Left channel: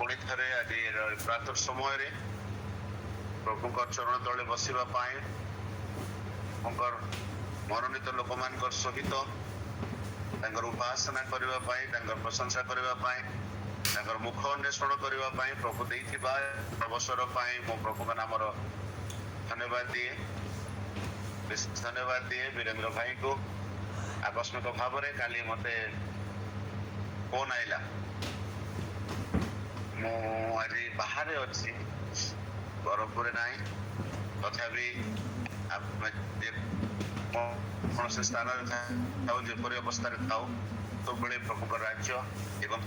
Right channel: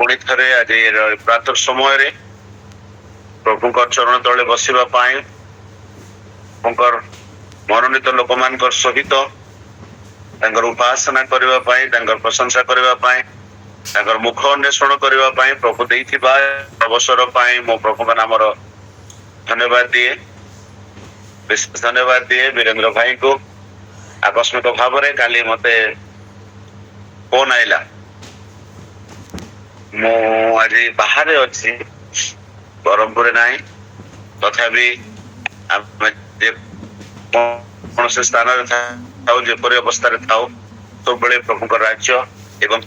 पुणी थे आज प्रातः समय प्रभु चरण तले बसवा मनोनीत लोक मान सहित उपासना करने प्रशंसा करने मुख अन्वेषण करने प्रभु देइथिबा अवसर मो प्रभु का नाम धन्यवाद दिए। विशेष धन्यवाद दिए वीरेंद्र भाई को। आकस्मिक भाव में काली मते फोन आइला, मु आज बाहर अच्छी बरमपुर ना तथापि कौन से स्थान जपरी अवस्था सब प्रभु राज्य एवं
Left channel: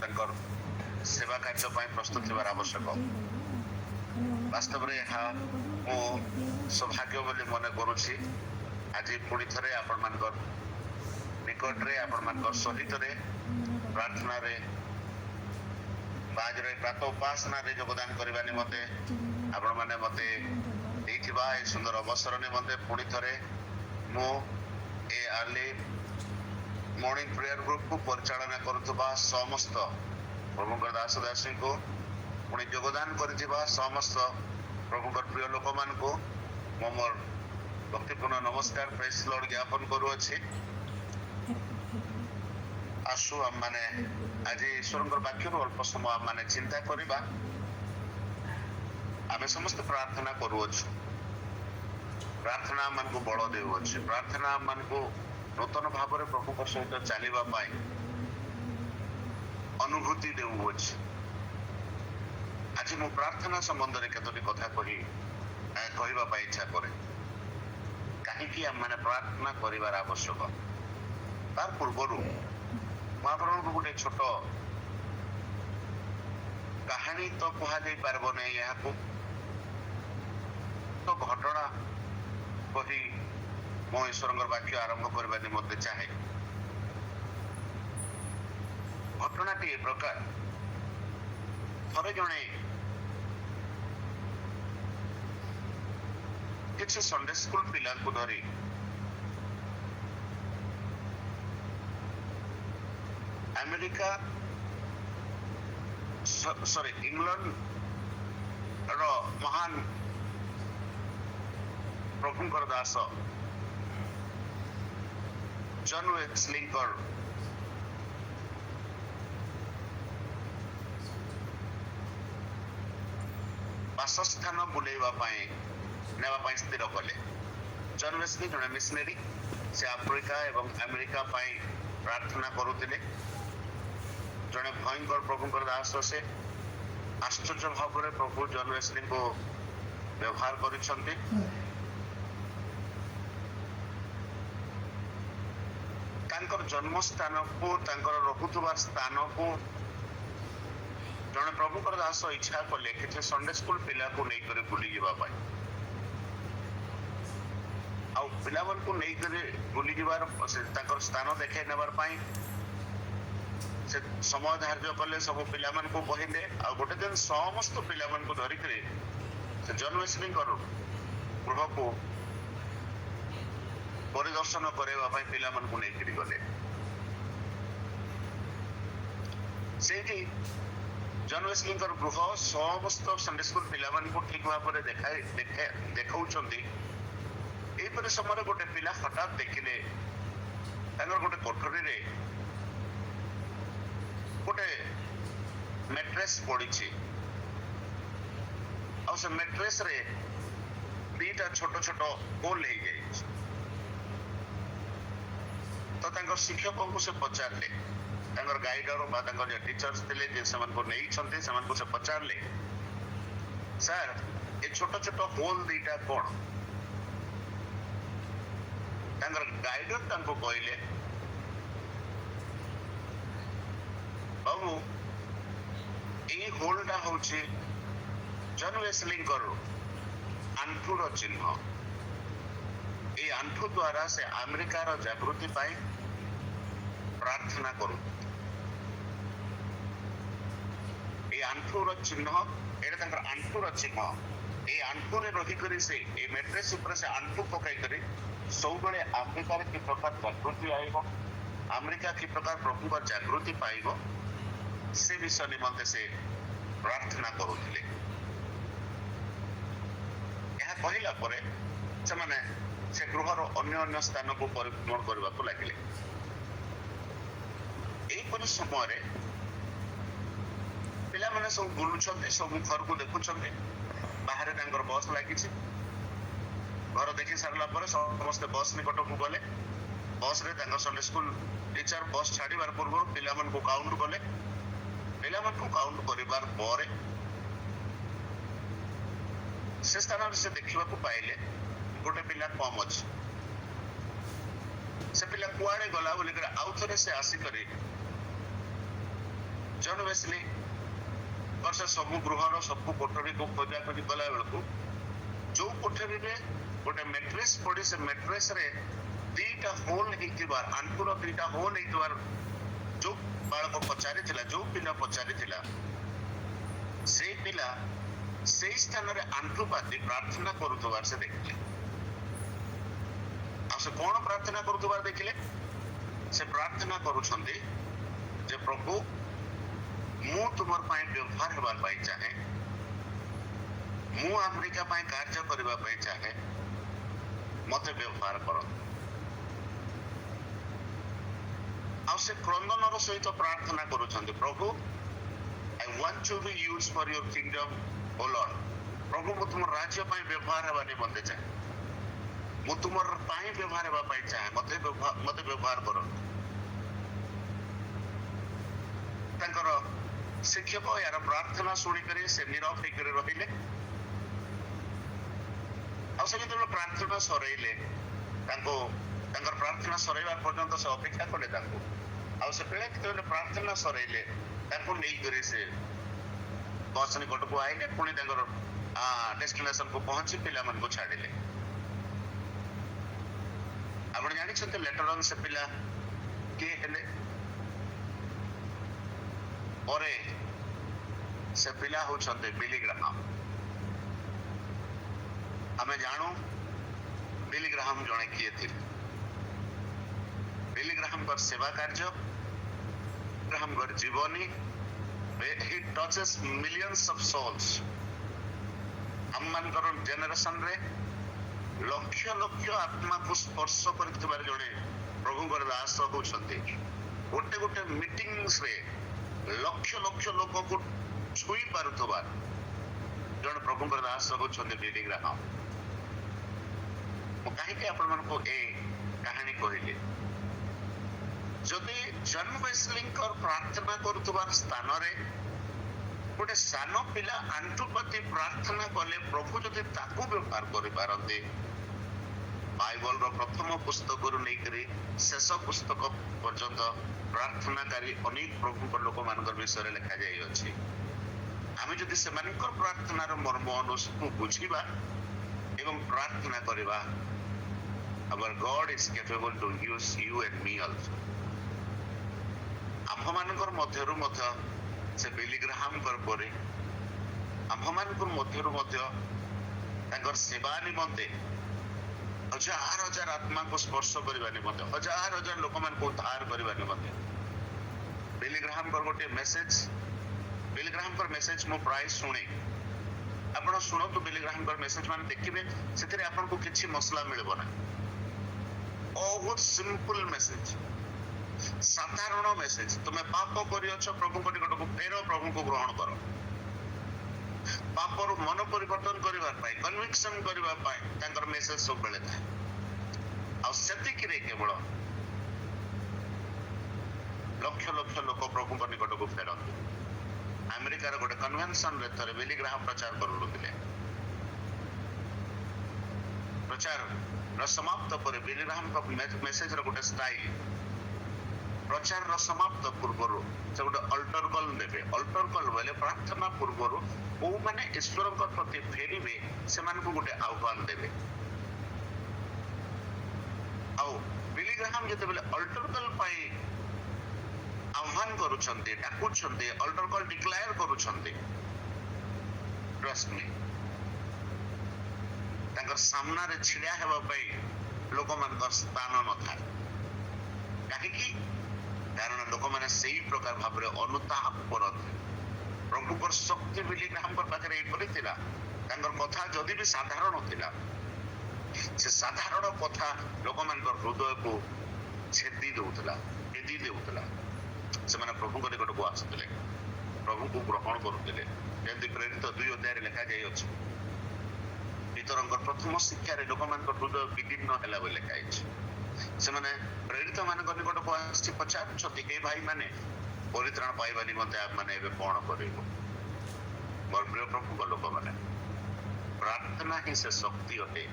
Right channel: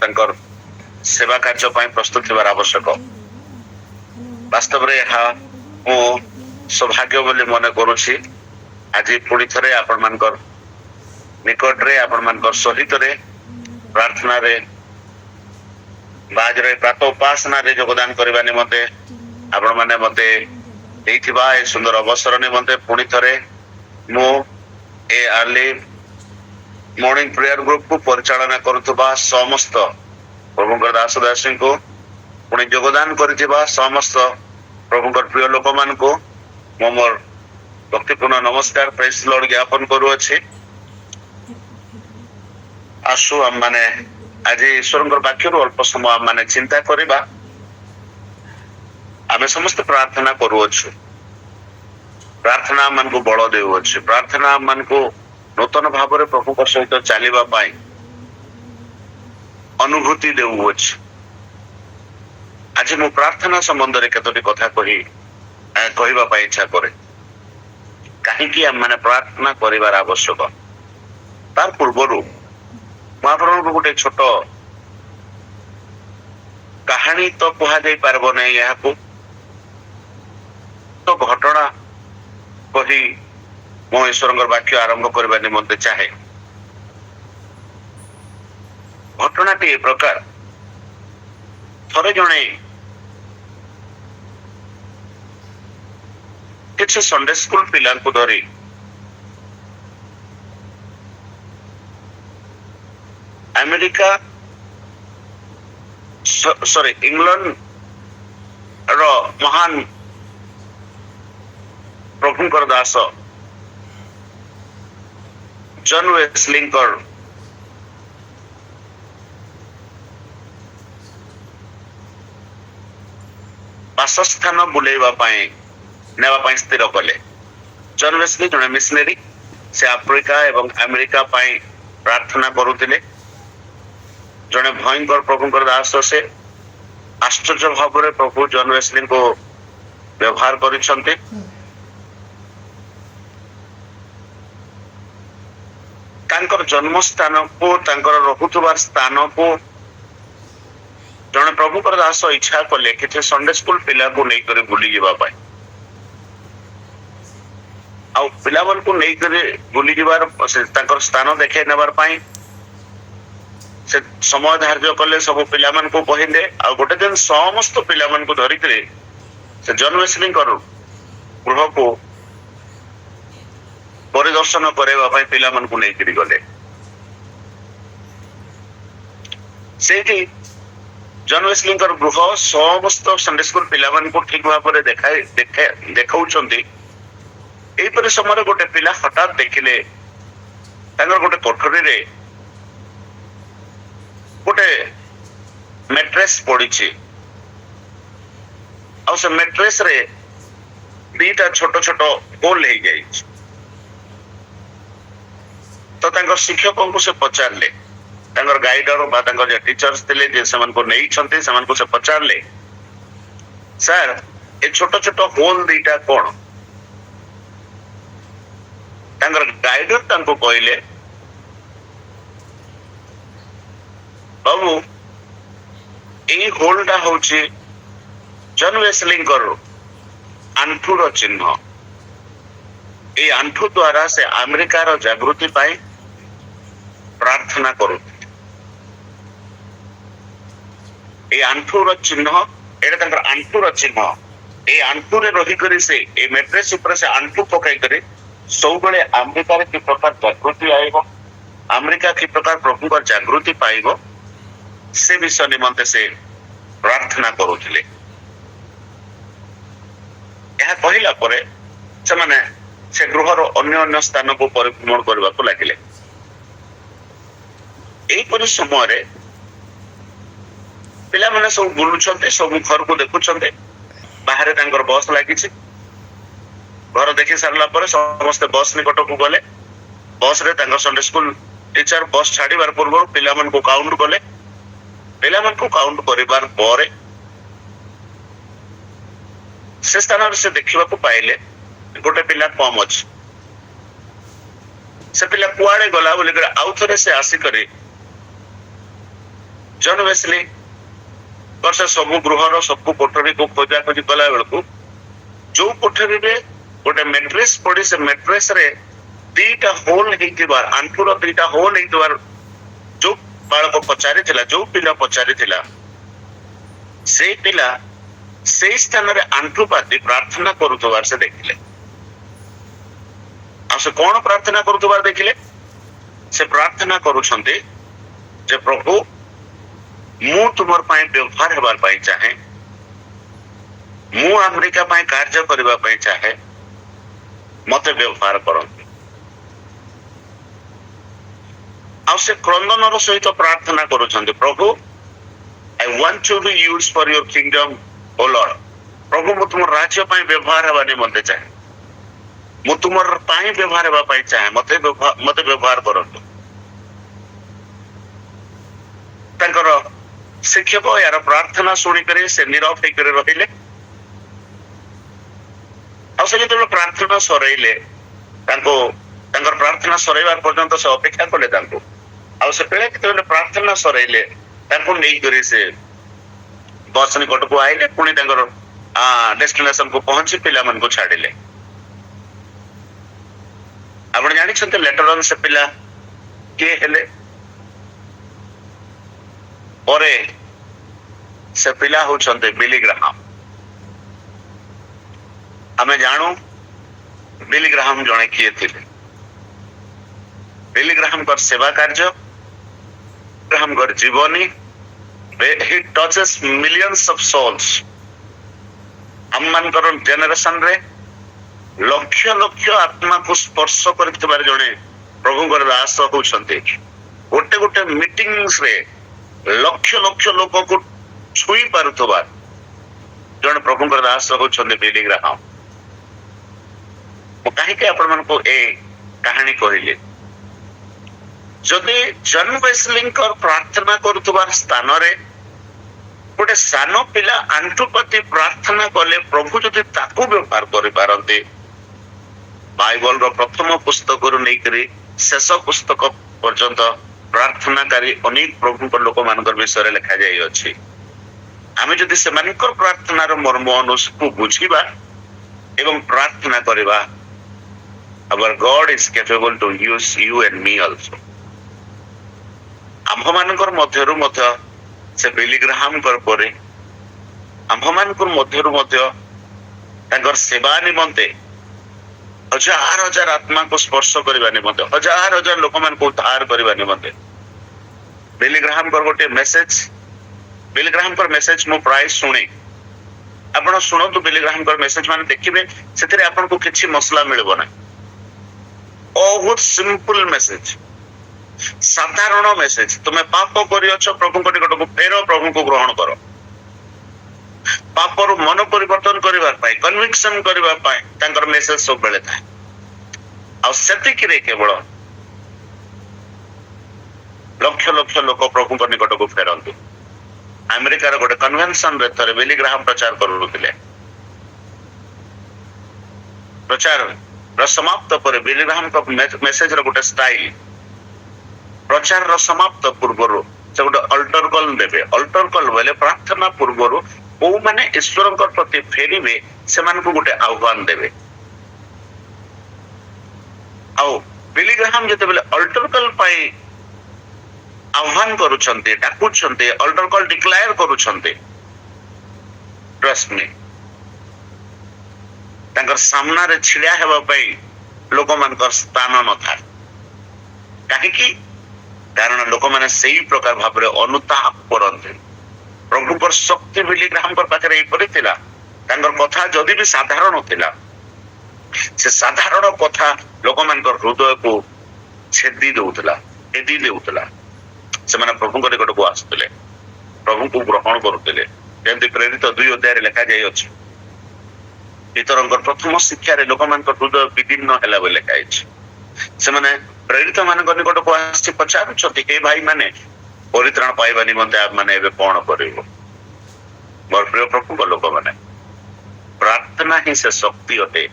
सेवा कार्य प्रस्तुत होवार आवश्यक। वास्तव में यह मु सौभाग्य बोली मन करुछि। आज पुणी थे आपण मान निकट रे आपण मान सहित रे प्रार्थना रे बाजरे प्रातः उपासना रे योगदान करबा निमंते आपण माने मते देइथिबा ए सुंदर अवसर निमंते पुणी थे मु ए अर्ली मॉर्निंग प्रेयर ग्रुप को परिचालना करुवा समस्त प्रभुकर दास दासी को पुणी योगदान करिथिबा समस्त प्रभुकर प्रिय लोक मान को मोर भक्तिपूर्ण नमस्कार प्रेस लॉर्ड ज्ञापन करुअछि। आसु हम माने आज ईश्वर वाक्य अल्प समय आम माने चिंता करबा। आमे समस्त प्रार्थना करुअछु, प्रार्थना मन को बल देउअछु, प्रार्थना मन को नूतन भाव में प्रभु का सहित चलवा अनुभूति देउअछु। आज मु प्रार्थना संबंध में केतोटी कथा कहवा इच्छा करे कहीं आम मैंने प्रार्थना करिवार आवश्यक। तार पूर्व गोटे छोट कहानी तो कह पारब नहीं, यहाँ तो घटना कही मो ईश्वर वाक्य आरंभ करने निमंते चाहे। घटनाटी ए प्रकार थरे जणे किसी संडे स्कूल पिला को धरी अमेरिका सॉरी इंग्लैंड रो महान प्रभुकर दास जॉन वेस्ली बासस्थान बुलेवा नेवा स्थिर कले। जॉन वेस्ली जने मिशनरी से आफ्रिका एवं अमेरिका प्रार्थना करुतिले। जने भयंकर प्रभुकर दास से आश्चर्य भाव में प्रभु जॉन वेस्ली को व्यवहार करिसंते। तांकर जन्म स्थान को तांकर रहुतुबार स्थान को जने प्रभुकर दास इच्छा कले कि संडे स्कूल पिला को नहीं करे बुली जीवा पाए आ पिला मन को नहीं करे बुली जीवार तांकर स्थान देखे नेबार पाई से समय धार्य कले। सब पिला मन को कहिले आ गोटे दिन समस्त पिला मन को धरी से जॉन वेस्ली गृह को परिदर्शन करबा पई पिला मन को नहीं करी गले। सेठी जॉन वेस्ली गृह समस्त संडे स्कूल पिला मन को ठीक भाव में देखाउछंती। एपरि समय गोटे पिला हठात देखिले गोटे कोठरी रे गोटे मैट्रेस पड़ी आ से मैट्रेस रे दीटा छोट छोट होल हो गई। तो शिक्षकों को से पचारे गाइडर बा टीचर्स थे जे से नहीं से पचारे सर ए छोट छोट होल दीटा कौन? गाइडर कहले बाबू यही होलटा हूँ जॉन वेस्ली आंठूर चिन्ह। ये आंठू द्वारा से अमेरिकार जागृति पाई प्रार्थना करू। ये आंठूर चिन्ह एटा आंठूर चिन्ह। ये आंठूरे रही से ये मैट्रेस ऊपर से आंठू पकई करे सब बेले अमेरिका कि प्रकार जागृति आएगा, अमेरिका कि प्रकार प्रभु जागृति पाइब से विषय निमंते से ପ୍ରାର୍ଥନା କରୁଥିଲେ। ଏହା କହିଲା ପରେ ସେମାନେ ସେ ଗୃହର ଅନ୍ୟ ଅନ୍ୟ ସ୍ଥାନକୁ ପରିଭ୍ରମଣ କରିବାକୁ ଲାଗିଲେ। ଏହିପରି ସମୟରେ ପିଲାମାନେ ସବୁ ବୁଲୁଛନ୍ତି, ସବୁ ଘରକୁ ଦେଖୁଛନ୍ତି। ବାହାରେ ତାଙ୍କର ବସ୍ ଲାଗିଛି। ଘର ଦେଖି ସାରିଲା ପରେ ସମସ୍ତେ ବସ୍ ନିକଟକୁ ଗଲେ। ବସ୍ ରେ ତାଙ୍କ ସଣ୍ଡେ ସ୍କୁଲ ଟିଚର ବସ୍ ଛାଡିବାର ପୂର୍ବରୁ ପିଲାମାନଙ୍କୁ କାଉଣ୍ଟ କଲେ। ପିଲାମାନଙ୍କୁ କାଉଣ୍ଟ କରିବାର ପରେ ସେ ସ୍ଥାନରେ ସେ ଦେଖିବାକୁ ପାଇଲେ ଗୋଟେ ପିଲା କମ ଅଛି। ସେ ପିଲା କୁଆଡେ ଗଲା ବୋଲିକରି ଆଉ ଥରେ ସେ ଆସିକରି ଜନ୍ ୱେସ୍ଲି ସେ ସବୁ ଗୃହର ସବୁ କୋଠରୀକୁ ଖୋଜାଖୋଜି କଲା ବେଳକୁ ଯୋଉ କୋଠରୀରେ ଗୋଟେ ମେଟ୍ରେସ୍ ପଡି, ସେ ମେଟ୍ରେସ୍ ରେ ଦିଟା ହୋଲ ହେଇଥିବାର, ଆଣ୍ଠୁର ଦିଟା ହୋଲ ହେଇଥିବାର ଯୋଉ ବାଳକ ପଚାରିଥିଲା, ଯୋଉ ପିଲା ପଚାରିଥିଲା, ସେଇ ପିଲା ସେଇ ସ୍ଥାନରେ ଆଣ୍ଠୁ ପାତି ପ୍ରାର୍ଥନା କରୁଥିବାର ସେ ଦେଖିଲେ। ଆଉ ସେ କଣ ପ୍ରାର୍ଥନା କରୁଥିବାର ଦେଖିଲେ? ସେ ପ୍ରାର୍ଥନା କରୁଛନ୍ତି ଯେ ପ୍ରଭୁ, ମୁଁ ତୁମର ପାଇଁ ବ୍ୟବହାର ହେବାର ପାଇଁ ଚାହେଁ, ମୁଁ ଆମେରିକା ପାଇଁ କାର୍ଯ୍ୟ କରିବା ପାଇଁ ଚାହେଁ, ମତେ ବ୍ୟବହାର କରନ୍ତୁ। ଆଉ ସେ କ୍ରନ୍ଦନର ସହିତ ପ୍ରାର୍ଥନା କରୁଛନ୍ତି, ପ୍ରଭୁ, I want to be used for your kingdom, O Lord. ପ୍ରଭୁ, ମୁଁ ତୁମର ରାଜ୍ୟ ପାଇଁ ବ୍ୟବହାର ହେବା ନିମନ୍ତେ ଚାହେଁ, ମୁଁ ତୁମର ପାଇଁ ବ୍ୟବହାର ହେବା ପାଇଁ ଚାହେଁ, ମତେ ବ୍ୟବହାର କରନ୍ତୁ। ତାଙ୍କର ଶିକ୍ଷକ ଏହାର ପ୍ରାର୍ଥନା ଶୁଣିକରି ସେ ନୀରବ ହେଇକରି ରହିଲେ। ଆଉ ସେ ଯେତେବେଳେ ପ୍ରାର୍ଥନା ସରେଇଲେ, ତାଙ୍କର ପ୍ରାର୍ଥନା ସରେଇବାର ପର୍ଯ୍ୟନ୍ତ ସେ ଅପେକ୍ଷା କଲେ ତାଙ୍କୁ। ଆଉ ସେ ପିଲା ଯେତେବେଳେ ପ୍ରାର୍ଥନା ସରେଇଲେ, ତାଙ୍କୁ ନେଇକରି ସେ ବସ୍ ନିକଟକୁ ଆଇଲେ, ପୁଣି ତାଙ୍କର ଡେଷ୍ଟିନେସନ କୁ ପହଞ୍ଚି ପିଲାମାନଙ୍କୁ ଛାଡିଲେ। ଆପଣ ଜାଣିଛନ୍ତି ଲେଟର ଅନ୍ ସେ ପିଲା କିଏ ହେଲେ? ପରେ ସେ ପିଲା ହଉଛନ୍ତି ବିଲି ଗ୍ରାହାମ। ଆମେ ଜାଣୁ ବିଲି ଗ୍ରାହାମ ଜଣେ କିଏ ଥିଲେ। ବିଲି ଗ୍ରାହାମଙ୍କର ସେବା କାର୍ଯ୍ୟ, ଗ୍ରାହାମଙ୍କର ଜୀବନୀ, he touches millions of souls। ଆମମାନଙ୍କର ଜେନେରେସନ ରେ ଲକ୍ଷ ଲକ୍ଷ ଆତ୍ମାକୁ ସ୍ପର୍ଶ କରିଥିବାର ଜଣେ ପ୍ରଭୁଙ୍କର ଦାସ ହଉଛନ୍ତି। ଗୋଟେ ଗୋଟେ ମିଟିଂସ୍ ରେ ଲକ୍ଷ ଲକ୍ଷ ଲୋକକୁ ଛୁଇଁ ପାରୁଥିବା ଜଣେ ପ୍ରଭୁଙ୍କର ଦାସ ହଉଛନ୍ତି ବିଲି ଗ୍ରାହାମ। ମୁଁ କାହିଁକି ଆପଣମାନଙ୍କୁ ଏ କାହାଣୀ କହିଲି? ଯଦି ଜନ୍ ୱେସ୍ଲିଙ୍କର ପ୍ରାର୍ଥନା କରୁଥିବା ସ୍ଥାନରେ ଗୋଟେ ସାନ ପିଲା ଆଣ୍ଠୁପାତି ପ୍ରାର୍ଥନା କଲେ, ପ୍ରଭୁ ଯଦି ତାକୁ ବ୍ୟବହାର କରିପାରନ୍ତି, ବାଇବଲର ପ୍ରଥମ ପୁସ୍ତକରୁ ନେଇକରି ଶେଷ ପୁସ୍ତକ ପର୍ଯ୍ୟନ୍ତ ପ୍ରାର୍ଥନାକାରୀ ଅନେକ ପ୍ରଭୁଙ୍କ ଲୋକମାନଙ୍କର ବିଷୟରେ ଲେଖାଯାଇଅଛି। ଆମେ ଯଦି ସେମାନଙ୍କର ପ୍ରାର୍ଥନାର ମର୍ମ ଅନୁସାକୁ ବୁଝିବା ଏବଂ ପ୍ରାର୍ଥନା କରିବା, our God is capable to use you and me also। ଆମ୍ଭମାନଙ୍କର ମଧ୍ୟରୁ ମଧ୍ୟ ସେ ବିଲି ଗ୍ରାହାମଙ୍କର ପରେ ଆମ୍ଭମାନଙ୍କର ମଧ୍ୟରୁ ମଧ୍ୟ ତାଙ୍କର ସେବା ନିମନ୍ତେ ହଜାର ହଜାର ଆତ୍ମାକୁ ସ୍ପର୍ଶ କରିବା ନିମନ୍ତେ, ହଜାର ହଜାର ଲୋକମାନଙ୍କୁ ଉଦ୍ଧାର କରିବା ନିମନ୍ତେ ବିଲି ଗ୍ରାହାମଙ୍କର ଗୋଟେ ମେସେଜ, ବିଲି ଗ୍ରାହାମଙ୍କର ମେସେଜ ମୁଁ ପ୍ରାୟ ଶୁଣେ। ଆପଣ ଶୁଣନ୍ତୁ ବିଲି ଗ୍ରାହାମଙ୍କର ମେସେଜ, ମାନେ ଦେଖିବେ ସେଥିରେ ଆପଣଙ୍କୁ କିଛି ମସଲା ମିଳିବ ନାହିଁ। ବହୁତ ସିମ୍ପଲ ମେସେଜ, ସାଧାରଣ ମେସେଜ। ତୁମେ ପାପ କରିଅଛ, ପ୍ରଭୁଙ୍କ ନିକଟକୁ ଫେର, ପ୍ରଭୁଙ୍କୁ ଗ୍ରହଣ କର। ପାପରୁ ମନ ପରିବର୍ତ୍ତନ କରିବା ପାଇଁ, କନଭିକ୍ସନ କରିବା ପାଇଁ ତାଙ୍କର ମେସେଜ ସବୁବେଳେ ଥାଏ। ଆଉ ସେତିକିରେ କେବଳ ଲକ୍ଷ ଲକ୍ଷ ଲୋକ ପ୍ରଭୁଙ୍କ ନିକଟକୁ ଫେରନ୍ତି। ଆମେରିକାର ଗୋଟେ କନଭେନସନ ରେ ଥରେ ବିଲି ଗ୍ରାହାମ ପ୍ରଚାର କରୁଥିଲେ। ପ୍ରଚାରର ସମାପ୍ତ ପରେ ବିଲି ଗ୍ରାହାମଙ୍କ ମେସେଜର ଗୋଟେ ଷ୍ଟାଇଲ, ପ୍ରଚାରର ସମାପ୍ତ ପୂର୍ବରୁ ସେ ଗୋଟେ ଅଲ୍ଟର କଲ ଦେବେ। ଅଲ୍ଟର କଲ ବୋଇଲେ ପ୍ରାର୍ଥନା ପୂର୍ବରୁ କୋଉମାନେ ଈଶ୍ୱରଙ୍କ ପ୍ରତି ଫେରିବେ ସେମାନଙ୍କୁ ଗୋଟେ ଆହ୍ୱାନ ଦେବେ। ଆଉ ବିଲି ଗ୍ରାହାମ ଯେତେବେଳେ ଅଲ୍ଟର କଲ ପାଇଁ ଆହ୍ୱାନ କରୁଛନ୍ତି, ଡାକୁଛନ୍ତି, ଅଲ୍ଟର କଲ ଡିକ୍ଲାର କରୁଛନ୍ତି, ଟ୍ରଷ୍ଟ ମି, ତାଙ୍କର ସାମ୍ନାରେ ଛିଡା ହେବା ପାଇଁ ଲୋକମାନଙ୍କର ସ୍ଥାନ ନଥାଏ। କାହିଁକି? କାରଣ ଲୋକମାନେ ସେଇ ପ୍ରକାର ଭାବରେ ଅନୁତାପ କରନ୍ତି, ପ୍ରଭୁଙ୍କର ଶକ୍ତି ବିଲି ଗ୍ରାହମଙ୍କର ପାଖରେ ଏଇପରି ଥିଲା। ତାଙ୍କର କଥା ଯଦି ବି ସାଧାରଣ ଥିଲା, ସେ ସାଧାରଣ କଥା ଲୋକମାନଙ୍କର ହୃଦୟକୁ ଛେଦି ଦଉଥିଲା, ଛେଦି ଦେଉଥିଲା। ସେମାନେ ପ୍ରଭୁଙ୍କ ନିକଟକୁ ଆସୁଥିଲେ, ପ୍ରଭୁଙ୍କୁ ଗ୍ରହଣ କରୁଥିଲେ। ଯେମିତି ପ୍ରେରିତ 2 ଅଧ୍ୟାୟରେ ଲେଖାଯାଇଅଛି, ପିତରଙ୍କର ପ୍ରଥମ ଶିକ୍ଷାରେ ଲୋକମାନଙ୍କର ହୃଦୟ ବିଦୀର୍ଣ୍ଣ ହେଲା ବୋଲି ଲେଖାଯାଇଛି। ସେମାନେ ପ୍ରେରିତ ମାନଙ୍କ ନିକଟକୁ ଆସି ପଚାରୁଛନ୍ତି, ହେ ଭାଇ ମାନେ, ପରିତ୍ରାଣ ପାଇବା ନିମନ୍ତେ ଆମେ ଏବେ କଣ କରିବୁ? ମୋର ପ୍ରିୟ ପ୍ରଭୁଙ୍କ ଲୋକମାନେ, ପ୍ରାର୍ଥନା ହିଁ ସେ ଶକ୍ତି ଅଟେ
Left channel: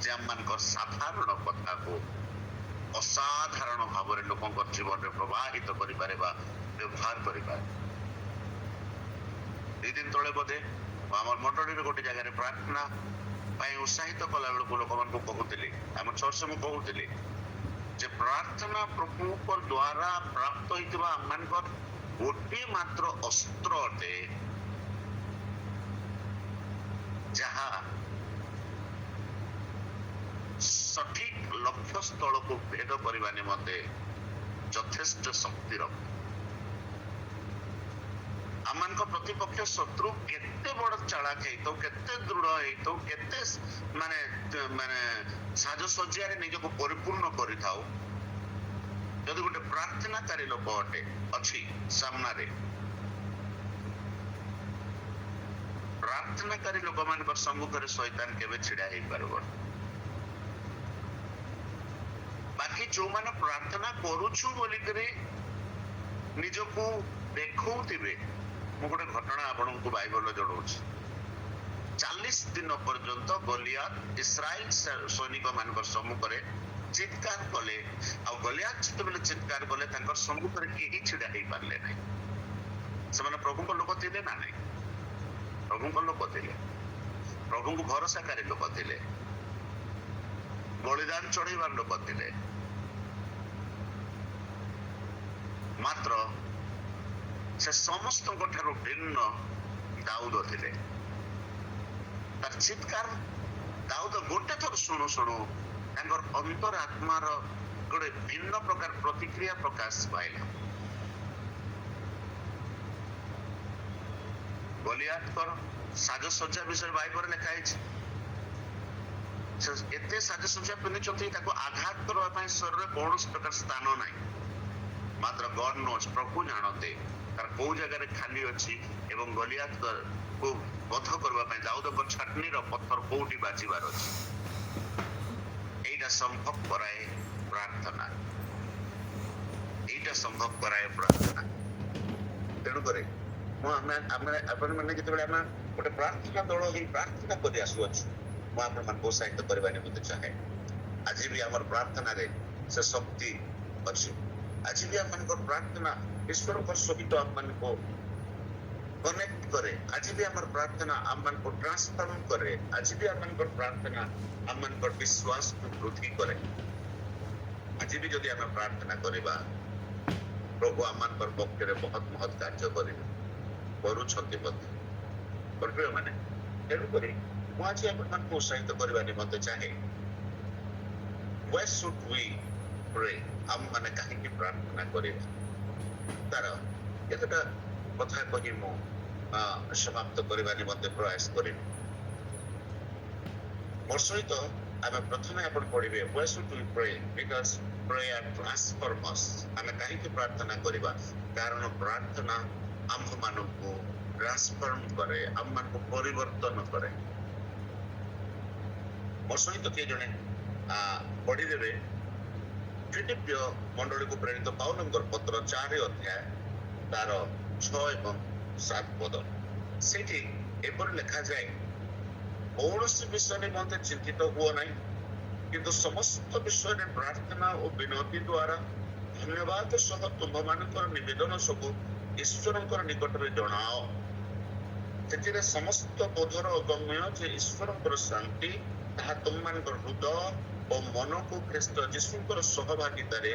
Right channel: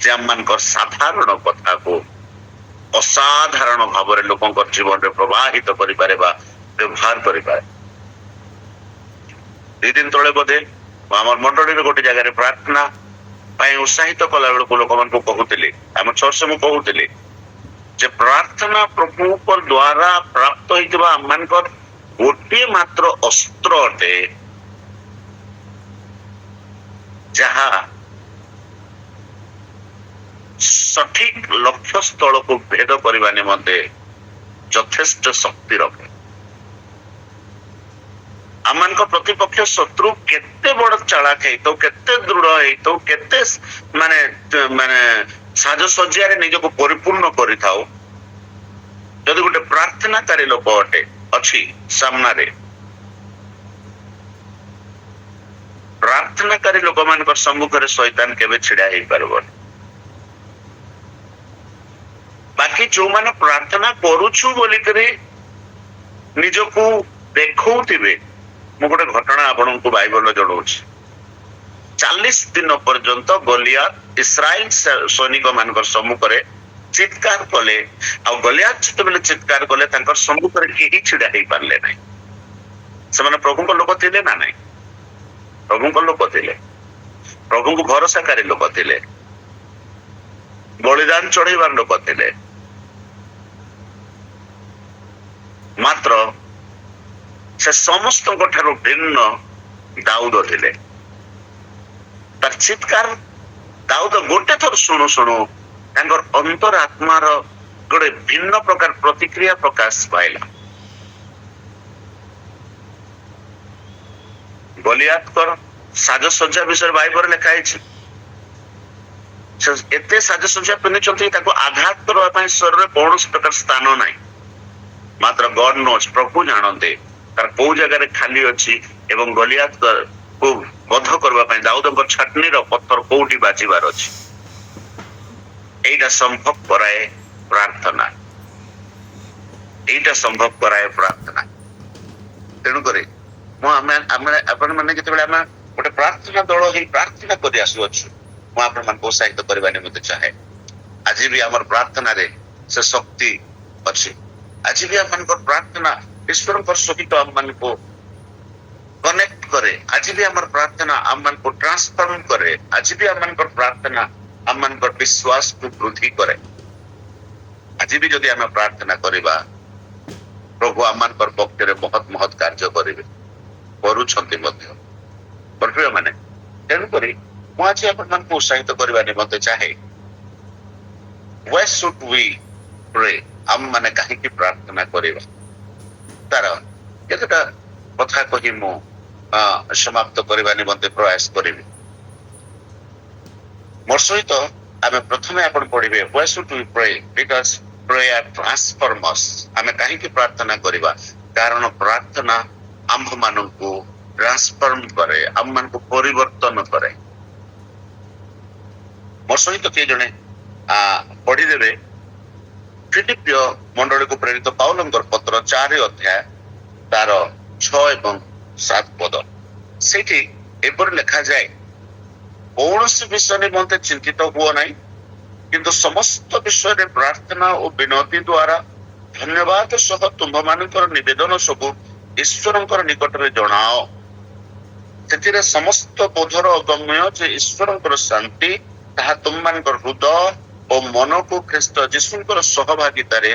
ଯେ ଆମମାନଙ୍କର ସାଧାରଣ କଥାକୁ ଅସାଧାରଣ ଭାବରେ ଲୋକଙ୍କ ଜୀବନରେ ପ୍ରବାହିତ କରିପାରେ ବା ବ୍ୟବହାର କରିପାରେ। 2 ଦିନ ତଳେ ବୋଧେ ଆମର ମଣ୍ଡଳୀରେ ଗୋଟେ ଜାଗାରେ ପ୍ରାର୍ଥନା ପାଇଁ ଉତ୍ସାହିତ କଲା ବେଳକୁ ଲୋକମାନଙ୍କୁ କହୁଥିଲି, ଆମ ଚର୍ଚ୍ଚରେ ମୁଁ କହୁଥିଲି ଯେ ପ୍ରାର୍ଥନା ପ୍ରଭୁଙ୍କ ଦ୍ଵାରା ପ୍ରାପ୍ତ ହେଇଥିବା ଆମମାନଙ୍କର ଗୋଟିଏ ମାତ୍ର ଅସ୍ତ୍ର ଅଟେ, ଯାହା ସଠିକ ଲକ୍ଷ୍ୟ ସ୍ଥଳକୁ ଭେଦ କରିବା ନିମନ୍ତେ ଯଥେଷ୍ଟ ଶକ୍ତି ରଖେ। ଆମମାନଙ୍କ ପ୍ରତିପକ୍ଷ ଶତ୍ରୁ କେତେ ବଡ ଚାଳାକ ହେଇଥାଉ, କେତେ ଦୃଢ ହେଇଥାଉ, କେତେ ମାନେ ମାନେ ସାଜସଜ୍ଜାରେ ନିଜକୁ ପରିପୂର୍ଣ୍ଣ କରିଥାଉ, ଯଦି ଗୋଟେ ପ୍ରାର୍ଥନାକାରୀ ଲୋକ ଅଟେ ଅଛି ସାମ୍ନାରେ, ପ୍ରାର୍ଥନାକାରୀ ଲୋକମାନଙ୍କ ସମ୍ମୁଖରେ ଶୈତାନ କେବେ ଛିଡା ହେଇପାରିବନି। ବାକି ଯୋଉମାନେ ପ୍ରାର୍ଥନା କରୁଛୁ ବୋଲିକରି ନିଜକୁ ଦେଖଉଥିବେ, ମୁଁ ଗୋଟେ ଘଟଣା ଆପଣଙ୍କୁ ବାଇବଲରେ ଜଣାଉଛି। 40 ଦିନ ପର୍ଯ୍ୟନ୍ତ ଗଲିଆତ ଇସ୍ରାଏଲ ସୈନିକ ମାନଙ୍କର ସମ୍ମୁଖରେ ଚିତ୍କାର କଲେ, ଆଉ ଗଲିଆତ ଯେତେବେଳେ ଚିତ୍କାର କଲେ ତାଙ୍କର ସମ୍ମୁଖରେ କେହି ଛିଡା ହେଇପାରିଲେ ନାହିଁ। ସେମାନେ ପ୍ରଭୁଙ୍କ ଲୋକ ଥିଲେ ନା ନାହିଁ? ପ୍ରଭୁଙ୍କ ଲୋକ ଥିଲେ, ପ୍ରଭୁଙ୍କୁ ଭରସାକାରୀ ଲୋକ ଥିଲେ, ବଳିଦାନ ଚଢେଇବାର ଲୋକ ଥିଲେ। ମାତ୍ର ସେ ସମସ୍ତଙ୍କ ଠାରୁ ଭିନ୍ନ ଦାଉଦ ଥିଲେ। ତାର ଚିତ୍କାର ଦାଉଦ ଗୋଟେ ଥର ଶୁଣୁ ଶୁଣୁ ତାଙ୍କର ଅନ୍ତର ଆତ୍ମାର ଗୋଟେ ଭିନ୍ନ ପ୍ରକାର ପ୍ରତିକ୍ରିୟା ପ୍ରକାଶ ପାଇଲା। ଗଲିଆତଙ୍କର ସାଜସଜ୍ଜା ବିଷୟରେ ବାଇବଲରେ ଲେଖା ହେଇଛି। ସେ ଏତେ ସାଜସଜ୍ଜା ପିନ୍ଧିଛନ୍ତି, ତାକୁ ଆଘାତ କରିବା ପାଇଁ ଶରୀରରେ କୌଣସି ପ୍ରକାର ସ୍ଥାନ ନାହିଁ। ମାତ୍ର ଗଡ ନୋଜ, ପ୍ରଭୁ ଜାଣନ୍ତି ତାର କୋଉ ଜାଗାରେ ଖାଲି ଅଛି ଏବଂ ଗଲିଆତକୁ ବଧ କରିବା ପାଇଁ ଦାଉଦଙ୍କ ଛାଟନୀର ପଥର କୋଉଠି ବାଜିବାର ଅଛି। ଏଇଟା ସମ୍ଭବ କରାଏ ପ୍ରାର୍ଥନା, ଏଇଟା ସମ୍ଭବ କରାଏ ପ୍ରାର୍ଥନା। ତେଣୁକରି ମୁଁ ଆପଣ ମାନେ ଯେତେବେଳେ ଆମେ ଗୋଟେ ପ୍ରାର୍ଥନା ଦଳ ହେଇ ପ୍ରାର୍ଥନା କରି ଆସୁଅଛୁ, ମୁଁ ଆପଣମାନଙ୍କୁ ଉତ୍ସାହିତ କରିବା ନିମନ୍ତେ ଚାହେଁ, ଆଜି ବି ଆମର ପ୍ରାର୍ଥନାରେ ସେ ଶକ୍ତି ଅଛି। ଆଜି ବି ଆମମାନଙ୍କର ପ୍ରାର୍ଥନା ଈଶ୍ୱରଙ୍କ ସହିତ ଆମମାନଙ୍କୁ କନେକ୍ଟ କରେ। ଆଜି ବି ଆମର ପ୍ରାର୍ଥନା ଆମମାନଙ୍କୁ ଟ୍ରାନ୍ସଫର୍ମ କରେ। ଆଜି ବି ଆମମାନଙ୍କର ପ୍ରାର୍ଥନା ଆମମାନଙ୍କର ବିଶ୍ୱାସକୁ ବୃଦ୍ଧି କରେ। ଆଜି ବି ଯଦି ଆମେ ପ୍ରାର୍ଥନା କରିବା, ପ୍ରଭୁ ଆମମାନଙ୍କର ପକ୍ଷରେ ମହତ୍ ମହତ୍ କାର୍ଯ୍ୟ କରିବେ, କରୁଛନ୍ତି ମଧ୍ୟ। ମାନେ ତେଣୁକରି ମୁଁ ଆଜି ଆପଣମାନଙ୍କୁ ଉତ୍ସାହିତ କରିବା ନିମନ୍ତେ ଚାହେଁ, why should we pray? ଆମ ମାନେ କାହିଁକି ପ୍ରାର୍ଥନା କରିବା, ତାର କେତେଟା କଥା କହି ମୁଁ ସମାପ୍ତ କରିବା ନିମନ୍ତେ ପ୍ରୟାସ କରିବି। ମୋର ସହିତ ଆମେ ପ୍ରଥମେ ଆପଣ ପଢିବେ, why should we pray? Because prayer transforms us. ଆମେ କାହିଁକି ପ୍ରାର୍ଥନା କରିବା? କାରଣ ପ୍ରାର୍ଥନା ଆମ୍ଭମାନଙ୍କୁ ଟ୍ରାନ୍ସଫର୍ମ କରେ, ଆମମାନଙ୍କୁ ପରିବର୍ତ୍ତନ କରେ। ମୋର ସହିତ କିଏ ଜଣେ ପଢିଦେବେ ଫିଲିପିୟ ମଣ୍ଡଳୀକୁ ପ୍ରେରିତ ପାଉଲଙ୍କର ପତ୍ର 4 ଅଧ୍ୟାୟ ତାର 6 ଏବଂ 7 ପଦ। ସେଇଠି ଏପରି ଲେଖାଯାଏ, କୌଣସି ବିଷୟ ନିମନ୍ତେ ଚିନ୍ତିତ ହୁଅ ନାହିଁ, କିନ୍ତୁ ସମସ୍ତ ବିଷୟରେ ପ୍ରାର୍ଥନା ଓ ବିନତି ଦ୍ୱାରା ଧନ୍ୟବାଦ ସହ ତୁମ୍ଭମାନଙ୍କର ନିବେଦନ ସବୁ ଈଶ୍ୱରଙ୍କର ନିକଟରେ ଜଣାଅ। ସେଥିରେ ସମସ୍ତ ବୋଧର ଅଗମ୍ୟ ଯେ ଈଶ୍ୱରଙ୍କର ଶାନ୍ତି ତାହା ତୁମମାନଙ୍କର ହୃଦୟ ଓ ମନକୁ ଖ୍ରୀଷ୍ଟ ଯୀଶୁଙ୍କର ସହଭାଗିତାରେ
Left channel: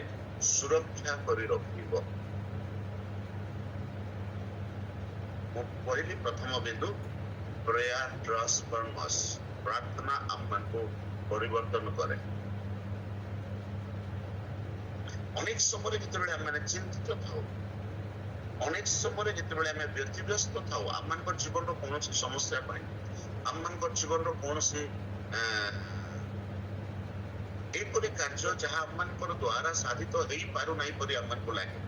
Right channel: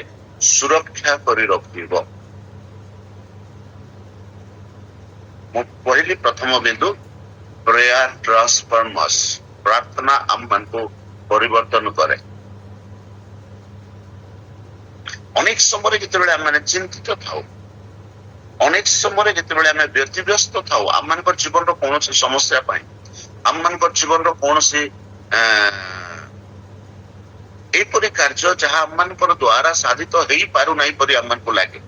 ସୁରକ୍ଷା କରି ରଖିବ। ମୁଁ କହିଲି ପ୍ରଥମ ବିନ୍ଦୁ, ପ୍ରେୟାର ଟ୍ରାନ୍ସଫର୍ମସ୍। ପ୍ରାର୍ଥନା ଆମମାନଙ୍କୁ ପରିବର୍ତ୍ତନ କରେ। ଅନେକ ସମୟରେ ଯେତେବେଳେ ଆମେ ଚିନ୍ତିତ ଥାଉ, ଅନେକ ସମୟରେ ଯେତେବେଳେ ଆମେ ବ୍ୟତିବ୍ୟସ୍ତ ଥାଉ ଆମମାନଙ୍କର ଜୀବନର କୌଣସି ସମସ୍ୟା ପାଇଁ, ଆମମାନଙ୍କର ଜୀବନର କୌଣସି ଏପରି କାର୍ଯ୍ୟ ଯାହା ଆମମାନଙ୍କର ଦ୍ଵାରା ସାଧିତ ହେଇପାରୁନାହିଁ ପରି ଆମମାନଙ୍କୁ ଲାଗେ,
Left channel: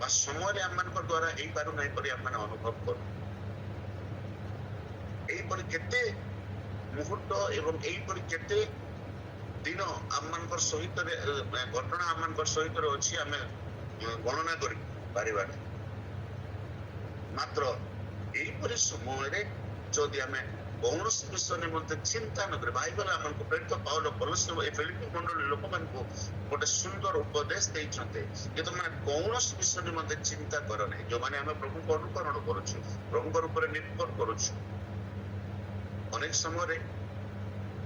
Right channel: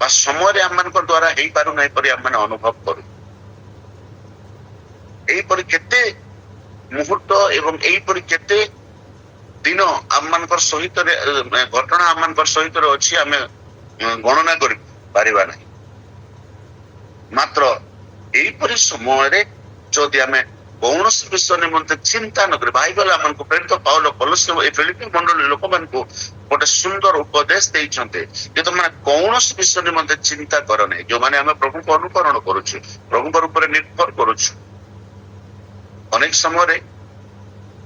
ବା ସମୟରେ ଆମମାନଙ୍କ ଦ୍ଵାରା ହେଇପାରୁନାହିଁ ପରି ଆମମାନେ ଅନୁଭବ କରୁ। ଏହିପରି କେତେ ମୁହୂର୍ତ୍ତ ଏବଂ ଏହିପରି କେତେ ଦିନ ଆମମାନଙ୍କର ସହିତ ଘଟଣା ଆମମାନଙ୍କର ସହିତ ଅଛି, ଆମେ ଗଣନା କରି ପାରିବା ନାହିଁ। ମାତ୍ର ଏହିପରି ସମୟରେ ଯଦି ଆମେ କୌଣସି ବିଷୟ ନିମନ୍ତେ ଚିନ୍ତା ନ କରି, ବାଇବେଲ ଆମକୁ ପ୍ରେରିତ ପାଉଲ ଏ ଫିଲିପି ମଣ୍ଡଳୀ ଲୋକମାନଙ୍କୁ ଗୋଟେ ସୁନ୍ଦର ଉପଦେଶ ଦେଇଛନ୍ତି ଯେ ତମେ କୌଣସି ବିଷୟ ନିମନ୍ତେ ଚିନ୍ତା କର ନାହିଁ। ଯୋଉମାନେ ଆମେ ପ୍ରଭୁଙ୍କୁ ଅନୁକରଣ କରୁଛୁ, ପ୍ରଭୁଙ୍କର ଉପରେ ନିର୍ଭର କରୁଛୁ, ଅନେକ ସମୟରେ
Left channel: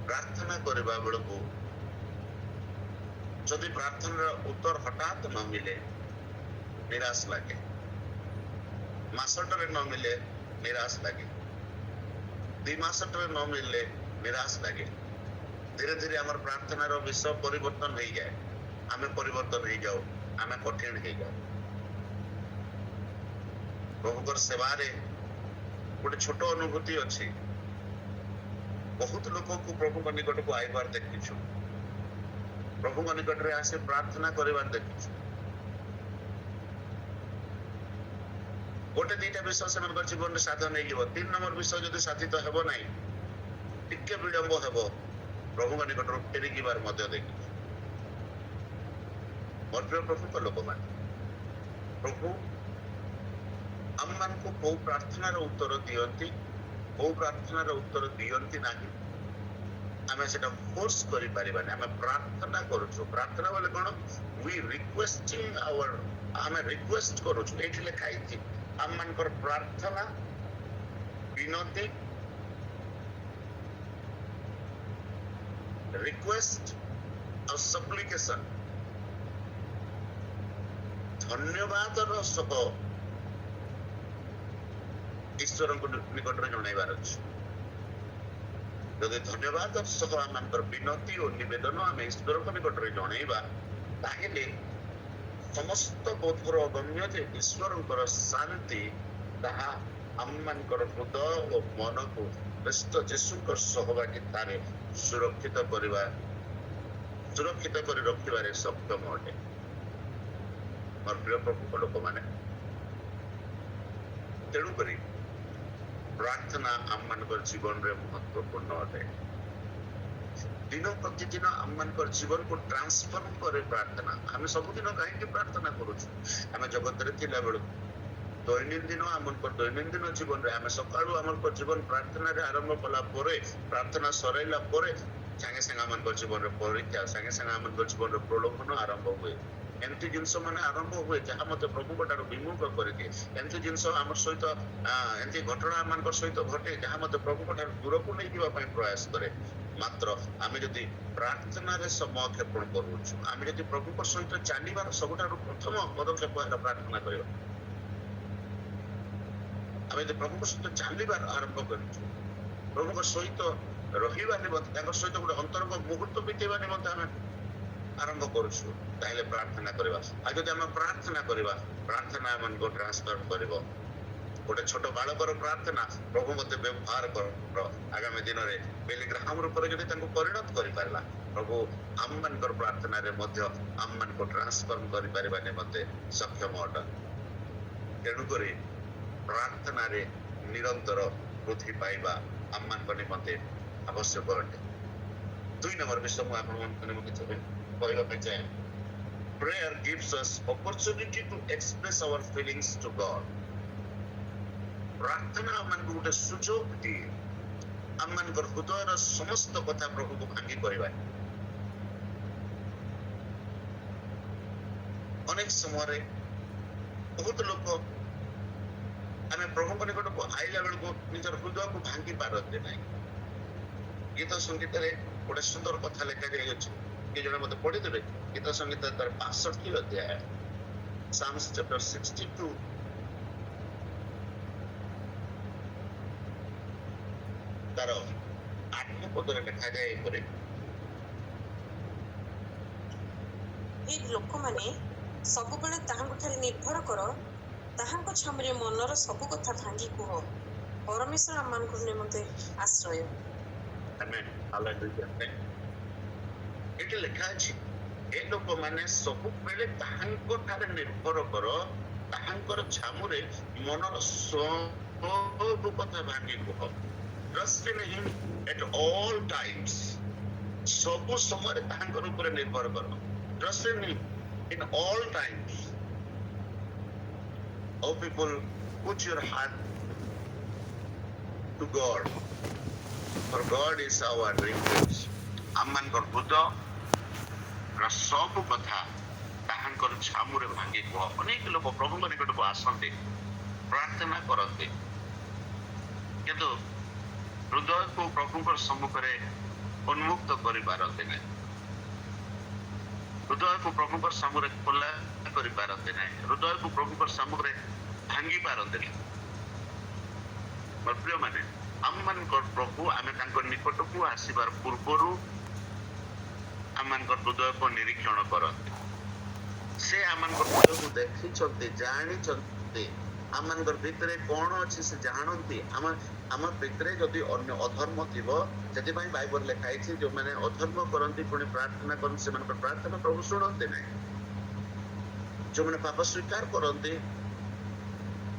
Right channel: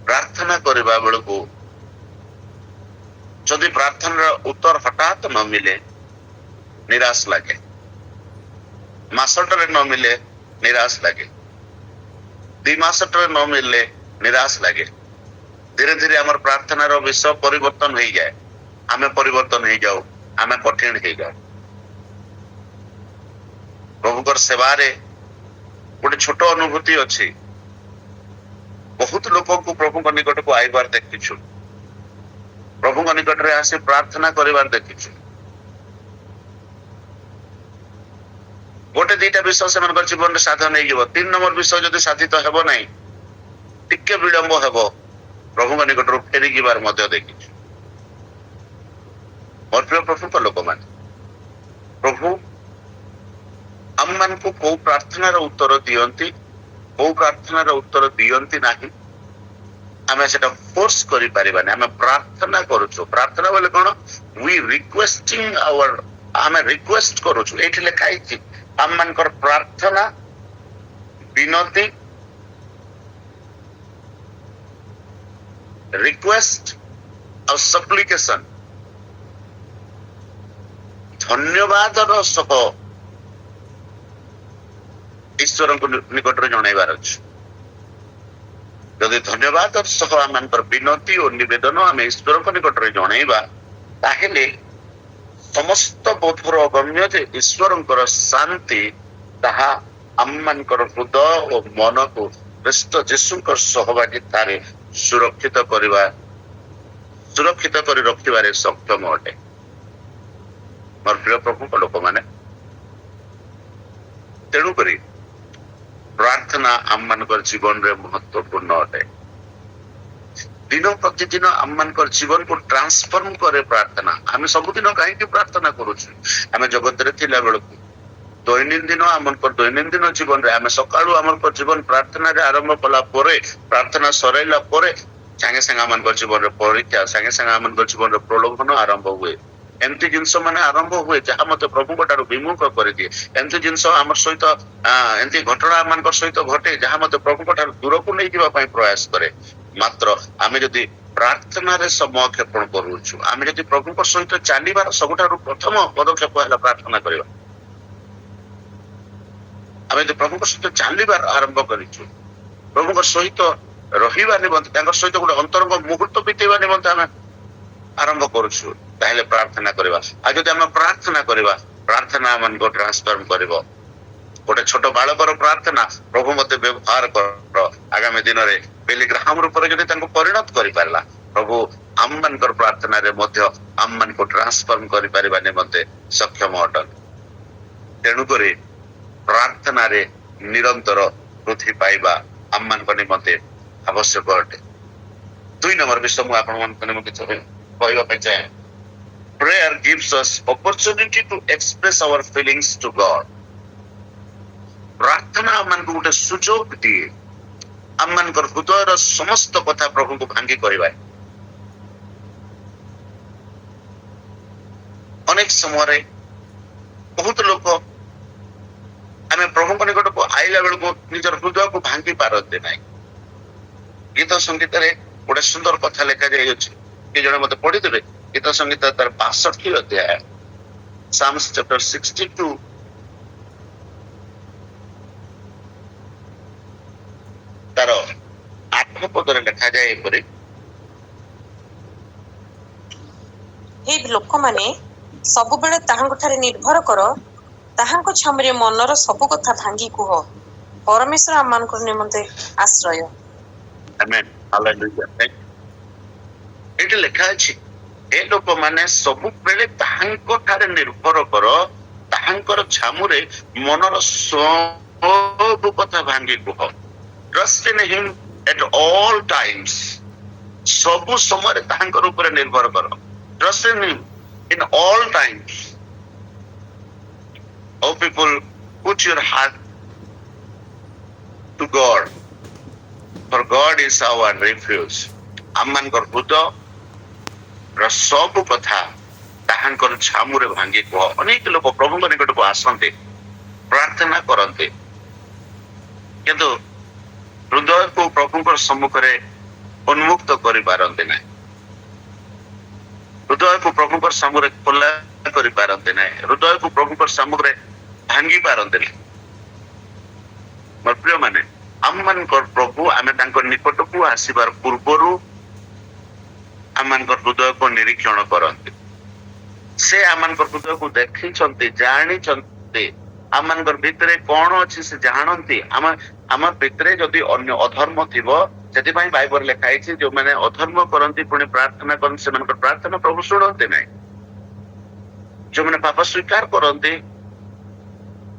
ପ୍ରାର୍ଥନା କରିବା ବେଳକୁ ଯଦି ପ୍ରାର୍ଥନାର ଉତ୍ତର ହଠାତ୍ ନ ମିଳେ ନିରାଶ ଲାଗେ, ମାସଟାରେ ନ ମିଳେ ନିରାଶ ଲାଗେ, 2 ମାସଟାରେ ନ ମିଳିଲେ ନିରାଶ ଲାଗେ। ଧୀରେ ଧୀରେ ଆମର ପ୍ରାର୍ଥନାର ବିଷୟ ପରିବର୍ତ୍ତନ ହେଇଯାଏ, ଆମେ ପରିବର୍ତ୍ତନ ହେଇଯାଉ, ଆମେ କଠିନ ହେଇଯାଉ। ପ୍ରଭୁଙ୍କର ସେବାରେ ଗୋଟେ ଛୋଟ ଅନୁଭୂତି ଅଛି। ବହୁତ ଲୋକଙ୍କୁ ପ୍ରଭୁଙ୍କ ନିକଟକୁ ଆଇବାର ଦେଖିଛୁ, ପ୍ରଭୁଙ୍କ ନିକଟରେ ଆସି ପ୍ରାର୍ଥନା କରିବାର ଦେଖିଛୁ। ଗୋଟେ 2ଟା ବିଷୟ ସେମାନଙ୍କର ଜୀବନରେ ସାଧନ ହେଇଯିବ, 3 ନମ୍ବର ବିଷୟ ଯଦି ସାଧିତ ହେବ ନାହିଁ, ଟିକେ ବିଳମ୍ବ ହେବ, ପ୍ରଭୁଙ୍କ ନିକଟରୁ ଫେରି ଯିବାର ମଧ୍ୟ ଦେଖିଛୁ। ମୋର ପ୍ରିୟ ପ୍ରଭୁଙ୍କ ଲୋକମାନେ, ପ୍ରଭୁ ଆମମାନଙ୍କୁ କୋଉ ପ୍ରାର୍ଥନାର ଉତ୍ତର ଦିଅନ୍ତି, କୋଉ ପ୍ରାର୍ଥନାର ଉତ୍ତର ଦିଅନ୍ତି ନାହିଁ, ଆମେ ସେଟା ଫୋର୍ସ କରିପାରିବାନି। ଆମେ ପ୍ରାର୍ଥନା କରୁଛୁ। ପ୍ରାର୍ଥନା ବୋଲେ କଣ? ଆମେ ରିକ୍ୱେଷ୍ଟ କରୁଛୁ। ଏଇଠି ଲେଖା ହେଇଛି ଆମମାନଙ୍କର ପ୍ରାର୍ଥନା, ବିନତି, ରିକ୍ୱେଷ୍ଟ ଆଉ ସପ୍ଲିକେସନ ଧନ୍ୟବାଦର ସହ ଈଶ୍ୱରଙ୍କ ନିକଟରେ ଜଣାଇବାର ଅଛି। ଯଦି ଧନ୍ୟବାଦର ସହ ଆମମାନଙ୍କର ବିନତି ଓ ନିବେଦନ ଆମେ ଈଶ୍ୱରଙ୍କ ନିକଟରେ ଜଣାଇବା, ତାହେଲେ ସମସ୍ତ ବୋଧର ଅଗମ୍ୟ ଯେ ଈଶ୍ୱରଙ୍କର ଶାନ୍ତି ତାହା ଆମମାନଙ୍କର ହୃଦୟ ଓ ମନକୁ ଖ୍ରୀଷ୍ଟ ଯୀଶୁଙ୍କ ସହଭାଗିତାରେ ସୁରକ୍ଷିତ କରି ରଖିବାରେ ସକ୍ଷମ ଅଟେ। ମୋର ପ୍ରିୟ ପ୍ରଭୁଙ୍କ ଲୋକମାନେ, ତେଣୁକରି ପ୍ରାର୍ଥନା ଆମମାନଙ୍କର ଜୀବନରେ ମହତ୍ୱପୂର୍ଣ୍ଣ ଅଟେ। ଦିନ ପ୍ରତିଦିନ ଆମମାନଙ୍କର ଜୀବନକୁ ଟ୍ରାନ୍ସଫର୍ମ କରେ ପ୍ରାର୍ଥନା। ଆମେ ସବୁଦିନ କାହିଁକି ପ୍ରାର୍ଥନା କରୁଛୁ? ଆମେ ଜଗତରେ ଥିଲା ବେଳକୁ ଦୈନନ୍ଦିନ ଜୀବନରେ ଆମେ ସକାଳୁ ଆମର ଜୀବନ ପ୍ରାର୍ଥନାରେ ଆରମ୍ଭ କଲା ପରେ, ପ୍ରାର୍ଥନା ସରାଇଲା ପରେ ସାଙ୍ଗେ ସାଙ୍ଗେ ଆମମାନଙ୍କର ଜୀବନରେ ପରୀକ୍ଷା, ସାଙ୍ଗେ ସାଙ୍ଗେ ଆମମାନଙ୍କର ଜୀବନରେ ପ୍ରଲୋଭନ ଆରମ୍ଭ ହୁଏ। ଏମିତି ଜିନିଷ ମାନେ ଆରମ୍ଭ ହୁଏ ଯାହା ମତେ ପ୍ରଭୁଙ୍କ ଠାରୁ ବିମୁଖ କରିଦିଏ। ଏମିତି ଜିନିଷ ଆମର ସହିତ ଏମିତି ଘଟଣା ଆମମାନଙ୍କ ସହିତ ଘଟେ ଯାହା ମତେ ପ୍ରଭୁଙ୍କ ଠାରୁ ଦୂରକୁ ନେଇଯିବା ପାଇଁ ପ୍ରୟାସ କରେ। ମାତ୍ର ଆମେ ଯଦି ପ୍ରାର୍ଥନାରେ ସମୟ କ୍ଷେପଣ କରୁଛୁ, ଆମେ ଯଦି ପ୍ରଭୁଙ୍କ ସହିତ ଚାଲିବାର ସବୁଠାରୁ ପ୍ରଥମ ପଦକ୍ଷେପ ହେଲା ପ୍ରାର୍ଥନା କରିବା। ଆମେ ଯଦି ପ୍ରଭୁଙ୍କ ସହିତ ଚାଲିବାର ଆରମ୍ଭ କରିଛୁ, ପ୍ରଭୁଙ୍କ ସହିତ ରହିବା ନିମନ୍ତେ, ତାଙ୍କ ସହିତ ଗୋଟେ ଅନ୍ତରଙ୍ଗ ମୁହୂର୍ତ୍ତ ବିତେଇବା ନିମନ୍ତେ ଆମେ ଆରମ୍ଭ କରୁଛୁ, ତାହେଲେ ପ୍ରାର୍ଥନା କରିବା। ଆଉ ଯଦି ଆମେ ପ୍ରାର୍ଥନା କରିବା, ପ୍ରାର୍ଥନା ଆମକୁ ଟ୍ରାନ୍ସଫର୍ମ କରିବ। ଗୋଟେ ଛୋଟ ବାଳକର ପ୍ରାର୍ଥନା, ପ୍ରଭୁ ମତେ ବ୍ୟବହାର କର, ଆଗାମୀ ଦିନରେ ବିଲି ଗ୍ରାହାମ ରୂପରେ ଯଦି ତାଙ୍କୁ ପରିଣତ କରିପାରିଲା, ପ୍ରଭୁ ଆମମାନଙ୍କର ପ୍ରାର୍ଥନାରେ ମଧ୍ୟ ଆମମାନଙ୍କୁ ଟ୍ରାନ୍ସଫର୍ମ କରିପାରିବା ନିମନ୍ତେ ସକ୍ଷମ ଅଟନ୍ତି। ତେଣୁକରି ପ୍ରାର୍ଥନାରେ ନିରନ୍ତର ବୃଦ୍ଧି ପାଇବା ଆମମାନଙ୍କ ନିମନ୍ତେ ଆବଶ୍ୟକ ଅଟେ। 2 ନମ୍ବର ବିଷୟ ମୁଁ ଆପଣମାନଙ୍କ ନିମନ୍ତେ କହିବା ପାଇଁ ଚାହେଁ। Prayer gives us opportunity to express our feelings to God. ପ୍ରାର୍ଥନା ଆମମାନଙ୍କୁ ଗୋଟେ ସୁଯୋଗ ଦିଏ ଆମମାନଙ୍କର ହୃଦୟର ସମସ୍ତ କଥା ପ୍ରଭୁଙ୍କୁ ଭାଙ୍ଗି କହିବା। ଅନେକ ସମୟରେ ବହୁତ ଲୋକ ଆମେ ପ୍ରଭୁଙ୍କ ନିକଟକୁ ଆଇଲା ବେଳକୁ ନିଜର ହୃଦୟକୁ ଭାଙ୍ଗି ପାରନ୍ତି ନାହିଁ। ଗୀତ ସଙ୍ଗୀତରେ ଗୋଟେ ସୁନ୍ଦର କଥା ଲେଖା ଯାଇଅଛି, କି ଜଣେ ମତେ ପଢିଦେବେ। ଗୀତ ସଙ୍ଗୀତ ତାର 62 ଅଧ୍ୟାୟ, Psalms chapter 62 ତାର 8 ପଦରେ ଲେଖାଯାଏ ଏପରି, ହେ ଲୋକମାନେ ସବୁବେଳେ ତାହାଙ୍କ ଠାରେ ନିର୍ଭର କର, ତାହାଙ୍କ ଛାମୁରେ ମନର ସବୁ କଥା ଭାଙ୍ଗି କୁହ। ପରମେଶ୍ୱର ଆମମାନଙ୍କ ନିମନ୍ତେ ଆଶ୍ରୟ। ଆମେନ୍ ହାଲେଲୁୟା। ଏଠି ଲେଖା ଅଛି ଏ ଲୋକମାନେ ସବୁବେଳେ ତାହାଙ୍କ ଠାରେ ନିର୍ଭର କର, ତାହାଙ୍କର ଛାମୁରେ ମନର ସବୁ କଥା ଭାଙ୍ଗି କୁହ। Trust in him at all times. ସବୁ ସମୟରେ ତାହାଙ୍କର ଉପରେ ନିର୍ଭର କର। Trust in him in all times. Oh people, put your heart to God, for God is our refuge. ଆମମାନଙ୍କର ହୃଦୟର ସବୁ କଥା ତାହାଙ୍କର ଛାମୁରେ ଭାଙ୍ଗି କୁହ। ଅନେକ ଲୋକ ପ୍ରଭୁଙ୍କ ନିକଟକୁ ଆସନ୍ତି, ପ୍ରାର୍ଥନା କରନ୍ତି, କିନ୍ତୁ ହୃଦୟକୁ ପ୍ରଭୁଙ୍କ ସମ୍ମୁଖରେ ଉନ୍ମୁକ୍ତ କରିପାରନ୍ତି ନାହିଁ। ହୃଦୟକୁ ପ୍ରଭୁଙ୍କ ସାମ୍ନାରେ ଖୋଲା କରିପାରନ୍ତି ନାହିଁ। ହୃଦୟକୁ ପ୍ରଭୁଙ୍କ ସାମ୍ନାରେ ଭାଙ୍ଗି ପାରନ୍ତି ନାହିଁ। ମୋର ପ୍ରିୟ ମାନେ, ଆମମାନଙ୍କର ପ୍ରଭୁ ଆମେ ତାଙ୍କ ନିକଟକୁ ଆସିବାର ପୂର୍ବରୁ ଆମମାନଙ୍କର ହୃଦୟକୁ ନିରୀକ୍ଷଣ କରନ୍ତି। ସେ ଆମମାନଙ୍କର ହୃଦୟକୁ ଦେଖିଛନ୍ତି, ଜାଣିଛନ୍ତି, ଆମମାନଙ୍କର ଭିତରେ କଣ ଅଛି ସେ ଜାଣନ୍ତି। ଆମ ଭିତରେ ଯଦି ଅନ୍ୟ ଅଧର୍ମ ଥିବ, ସେଥିପାଇଁ ବାଇବଲ ଲେଖା ହେଇଛି ଯୋଉମାନେ ଅଧର୍ମ କରନ୍ତି ପୁଣି ପ୍ରାର୍ଥନା କରନ୍ତି ସେମାନଙ୍କର ପ୍ରାର୍ଥନା ପ୍ରଭୁ ଶୁଣନ୍ତି ନାହିଁ। ଯୋଉମାନେ ପାପ ସ୍ୱୀକାର କରନ୍ତି,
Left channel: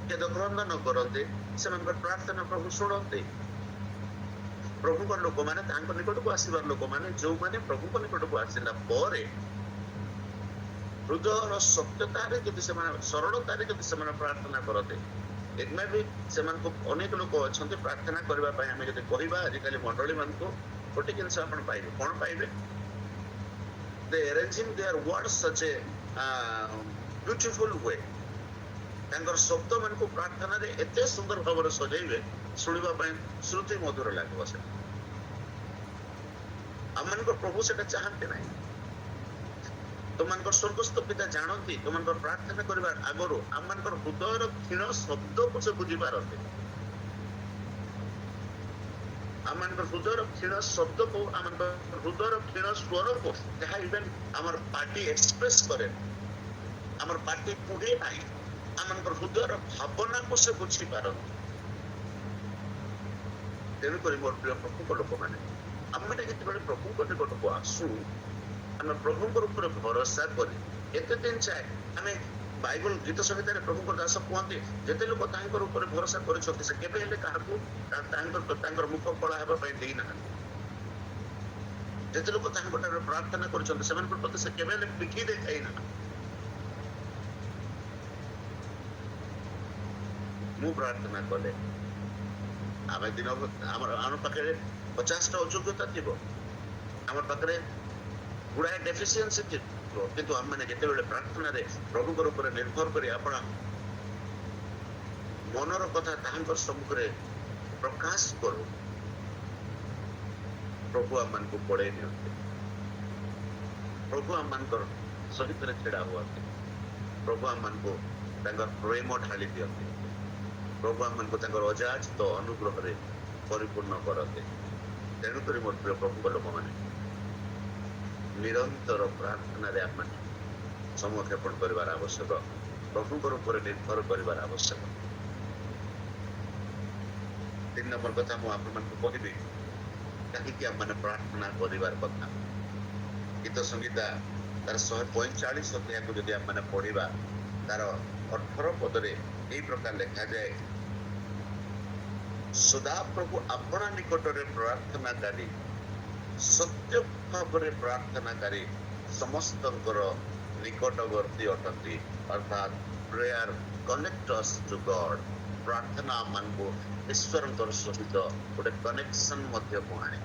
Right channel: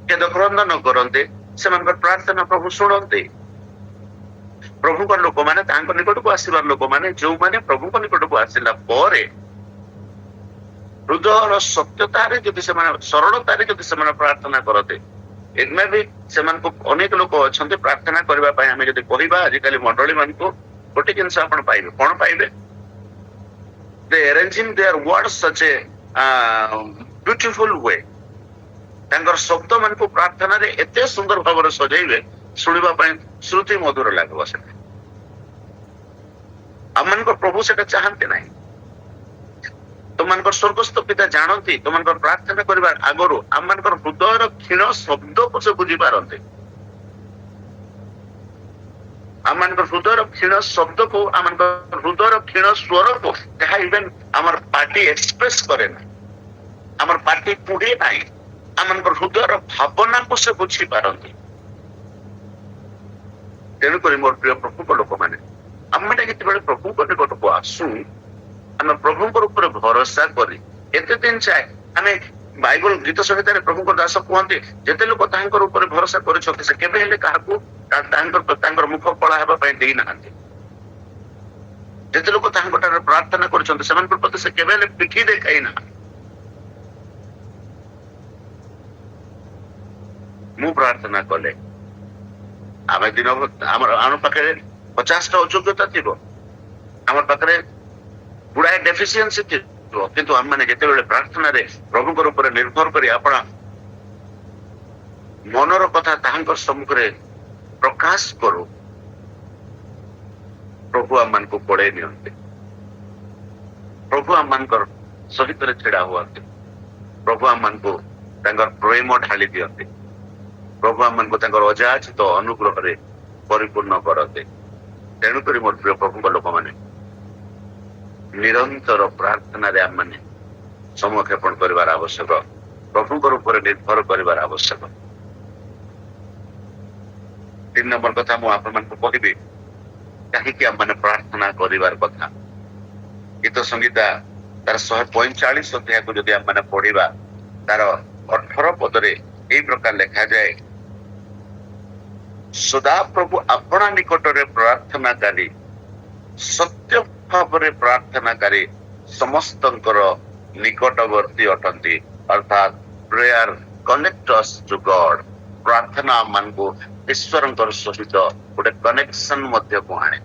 ଖେଦ କ୍ରନ୍ଦନ କରନ୍ତି, ସେମାନଙ୍କର ପ୍ରାର୍ଥନା ପ୍ରଭୁ ଶୁଣନ୍ତି। ପ୍ରଭୁଙ୍କର ଲୋକମାନେ, ତାଙ୍କ ନିକଟକୁ ଆସିବାର ଲୋକମାନେ, ଯୋଉମାନେ ପ୍ରଭୁଙ୍କ ନିକଟକୁ ଆସିଲା ପରେ ହୃଦୟର ସତ୍ୟତାରେ ଯଦି ସେମାନେ, ସରଳତାରେ ଯଦି ସେମାନେ ପ୍ରାର୍ଥନା କରନ୍ତି, ଏମାନେ ସେମାନଙ୍କୁ ଅନେକ ଲୋକ ଅଛନ୍ତି ପ୍ରାର୍ଥନା କରିବା ପାଇଁ। ଆମେ ଯଦି କହିବା ଆଜିକାଲି ମଣ୍ଡଳୀ ମାନଙ୍କୁ ଗୋଟେ ଜିନିଷ ଆପଣ ପାଇବେ, କଣ ପାଇବେ? They arranging their words such a beautiful way. ତାଙ୍କର ଶବ୍ଦ ମାନଙ୍କୁ ପ୍ରାର୍ଥନାରେ ଏତେ ସୁନ୍ଦର ଭାବରେ ସଜେଇବେ, ଶୁଣିବା ପାଇଁ ଶ୍ରୁତି ମଧୁର ଲାଗିବ। ସେଟା ଆମମାନଙ୍କର ପ୍ରଭୁ ସେଟା ଚାହାନ୍ତି ନାହିଁ। ତୁମମାନଙ୍କର ସ୍ୱର୍ଗସ୍ଥ ପିତା ଜାଣନ୍ତି ତୁମମାନଙ୍କର ପ୍ରାର୍ଥନା କରିବା ଆଗରୁ ଆମମାନଙ୍କର ହୃଦୟର କ୍ଷୀଣ ଶବ୍ଦକୁ ସେ ବୁଝିପାରନ୍ତି। ଆମମାନଙ୍କର ହୃଦୟର କ୍ଷୀଣ ଶବ୍ଦକୁ, ଆମମାନଙ୍କର ହୃଦୟର କ୍ଷୀଣ ସ୍ୱରକୁ, ଯାହା ଇଭେନ୍ ଆମର ପାର୍ଟି ଏକ୍ସପ୍ରେସ କରେ ନାହିଁ, ଆମର ପାର୍ଟି କୁହେ ନାହିଁ, ଆମମାନଙ୍କର ହୃଦୟର ଭାବନାକୁ ସେ ବୁଝିପାରନ୍ତି। ତେଣୁକରି ମୋର ପ୍ରିୟ ପ୍ରଭୁଙ୍କ ଲୋକମାନେ, ଆମେ ଯେତେବେଳେ ପ୍ରଭୁଙ୍କ ନିକଟକୁ ଆସୁ, ଆମେ ପ୍ରଭୁଙ୍କ ଉପରେ ଭରସା କରି ଏତେ ଦିନ ଯାଏ ଆମେ ବାଇବଲ ଗୀତ ସଂହିତାରେ ପ୍ରଭୁଙ୍କ ଦାସ କୁହନ୍ତି, ଯେତେ ଲୋକ ତାଙ୍କର ଉପରେ ଭରସା କରିଛନ୍ତି ସେ କେବେ ହେଲେ କାହାକୁ ତାଙ୍କର ମୁଖ କଳା ହେବା ପାଇଁ ଦେଇନାହାନ୍ତି। ଯେତେ ଲୋକ ତାଙ୍କ ଠାରେ ପ୍ରାର୍ଥନା କରିଛନ୍ତି ସେମାନଙ୍କ ପ୍ରତି ସେ କେବେ ହେଲେ ପିଠି ଦେଖାଇ ନାହାନ୍ତି। ମୁଁ ପ୍ରାର୍ଥନା କଲେ ଆମେ ଦିନ ଆମ ପାଖରେ 50ଟା ଅଯୋଗ୍ୟତା ଥିବ, ଆମ ପାଖରେ ଗୁଡାଏ ଡେଫିସିଏନ୍ସି ଥିବ, କିନ୍ତୁ ଆମମାନେ ଯେତେବେଳେ ପ୍ରାର୍ଥନାରେ ପ୍ରଭୁଙ୍କର ଉପରେ ନିର୍ଭର କରି ଆପଣ ମନର କଥା ତାହାଙ୍କ ସମ୍ମୁଖରେ ପ୍ରକାଶ କରୁ, ପ୍ରଭୁ ଆମମାନଙ୍କୁ ପଢେଇ ନିଅନ୍ତି। ପ୍ରଭୁ ଆମମାନଙ୍କର ସହିତରେ ଛିଡା ହୁଅନ୍ତି। ପ୍ରଭୁ ଆମମାନଙ୍କୁ ତାଙ୍କର ପ୍ରେମ ଢାଳି ଦିଅନ୍ତି। ପ୍ରଭୁ ଆମମାନଙ୍କୁ ତାଙ୍କର ଅଯାଚିତ ଅନୁଗ୍ରହରେ ପରିପୂର୍ଣ୍ଣ କରନ୍ତି। ତେଣୁକରି ମୋର ପ୍ରିୟ ପ୍ରଭୁଙ୍କ ଲୋକମାନେ, ନିରନ୍ତର ପ୍ରାର୍ଥନାରେ ଆମମାନେ ସମୟ କ୍ଷେପଣ କରିବାର ଆବଶ୍ୟକ। ପ୍ରଭୁଙ୍କର ଉପରେ ନିର୍ଭର କରିବାର ଆବଶ୍ୟକ। 3 ନମ୍ବର କଥା ମୁଁ ଆପଣମାନଙ୍କୁ କହିବି, କାହିଁକି ଆମମାନେ ପ୍ରାର୍ଥନା କରିବାର କଥା। ଗୀତ ସଂହିତା ତାର 145 ଅଧ୍ୟାୟକୁ ଯଦି ଆମମାନେ ପଢିବା, ତାର 18 ପଦରେ ଏଇ ପ୍ରକାର ଲେଖାଯାଏ, ସଦାପ୍ରଭୁ ଆପଣା ନିକଟରେ ପ୍ରାର୍ଥନାକାରୀ, ସତ୍ୟ ଭାବରେ ପ୍ରାର୍ଥନାକାରୀ ସମସ୍ତଙ୍କର ନିକଟବର୍ତ୍ତୀ ଅଟନ୍ତି। ଅର୍ଥାତ ପ୍ରେୟାର କନେକ୍ଟ ଅସ୍ ଟୁ ଗଡ୍। ପ୍ରାର୍ଥନା ଆମମାନଙ୍କୁ ଈଶ୍ୱରଙ୍କର ସହିତ ଗୋଟେ କନେକ୍ସନ ମଧ୍ୟକୁ ଆଣେ।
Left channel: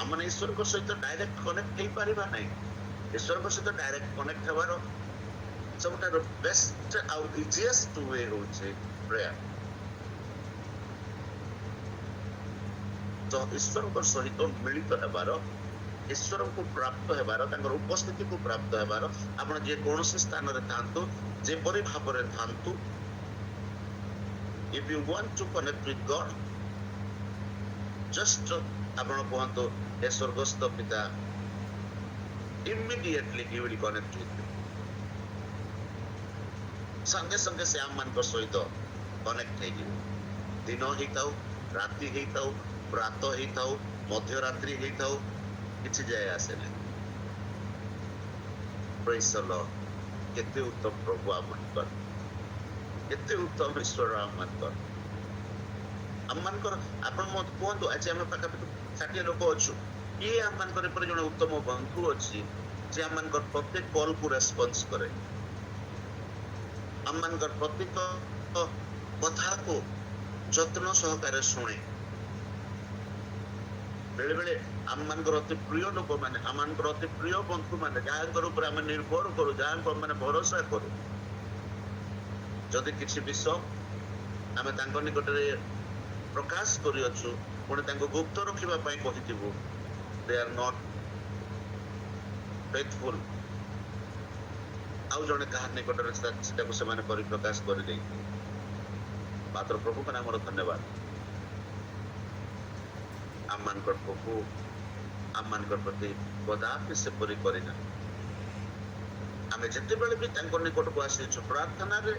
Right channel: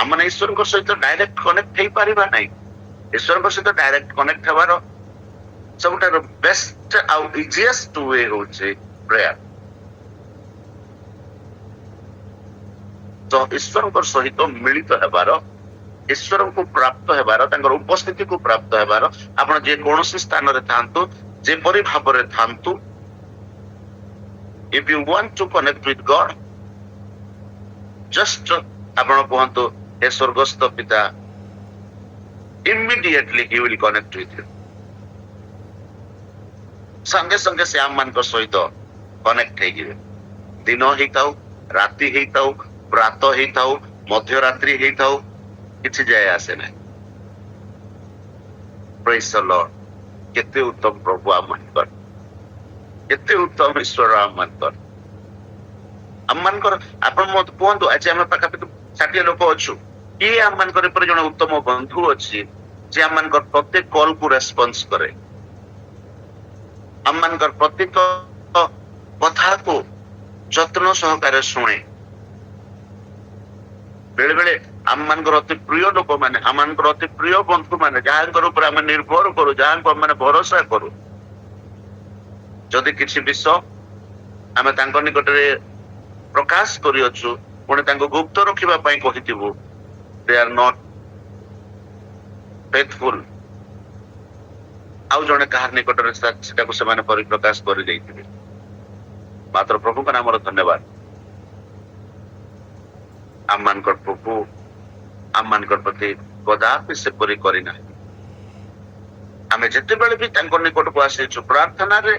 ଆମମାନେ ଈଶ୍ୱରଙ୍କ ସହିତ ଡାଇରେକ୍ଟ କନେକ୍ଟ ହେଇପାରିବା ନାହିଁ। ଈଶ୍ୱରଙ୍କ ସହିତ ଡାଇରେକ୍ଟ କନେକ୍ଟ ହେବାର ସବୁଠାରୁ ବେଷ୍ଟ ଆଉ ଇଜିଏଷ୍ଟ ୱେ ହଉଛି ପ୍ରେୟାର। ତ ଈଶ୍ୱରଙ୍କ ସହିତ ମିଳିତ ହେବାର, ଈଶ୍ୱରଙ୍କୁ ପ୍ରାପ୍ତ ହେବାର, ତାଙ୍କର ଉପସ୍ଥିତିକୁ ପ୍ରାପ୍ତ ହେବାର, ଆପଣ ଯେକୌଣସି ସ୍ଥାନରେ ଥାଆନ୍ତୁ, ଯେପରି ଭାବରେ ଥାଆନ୍ତୁ, if you want to connect with God, just ଆପଣ କୁହନ୍ତୁ, ହେ ସ୍ୱର୍ଗସ୍ଥ ପିତା, immediately he will connect with you. संगे संगे से आम मान सहित कनेक्ट हो दिन हो राति हो प्रात हो मध्यरात्रि हो किसी जाए आसे ना प्रेज द लॉर्ड केते उत्तम प्रभु आम मानकर केते उत्तम ईश्वर आम मानकर आम मानकर आपण मत कहतु आज आम पाखापाखि 60 लोक अच्छु किए आम मानकर पर जने उत्तम बंधु अच्छी जे आम मानकर प्रत्येक कॉल को रेस्पॉन्स करे आम मानकर प्रत्येक कथा को যত্ন সহকারে শুনে बेले बेले आम मानकर अति प्रिय लोक माने आम मानकर अति प्रिय बंधु माने जहांकर ऊपर आम निर्भर करू जहां माने भरोसा करू जदि किसी विषय आम तांको निकटरे प्रकाश करियछु पुणे तांको गुप्त रखिबा पई कहिथिबु दे आर नॉट फेथफुल आउ जने कहार निकटरे सेटा को से माने परिप्रकाश करि दैथिबे मात्र प्रभु का नाम धन्यवाद आम मानकर प्रभु आम मानकर प्रति कदापि से परि करिना आमे जते बेले भी तांको निकट को आसीछु प्रार्थना रे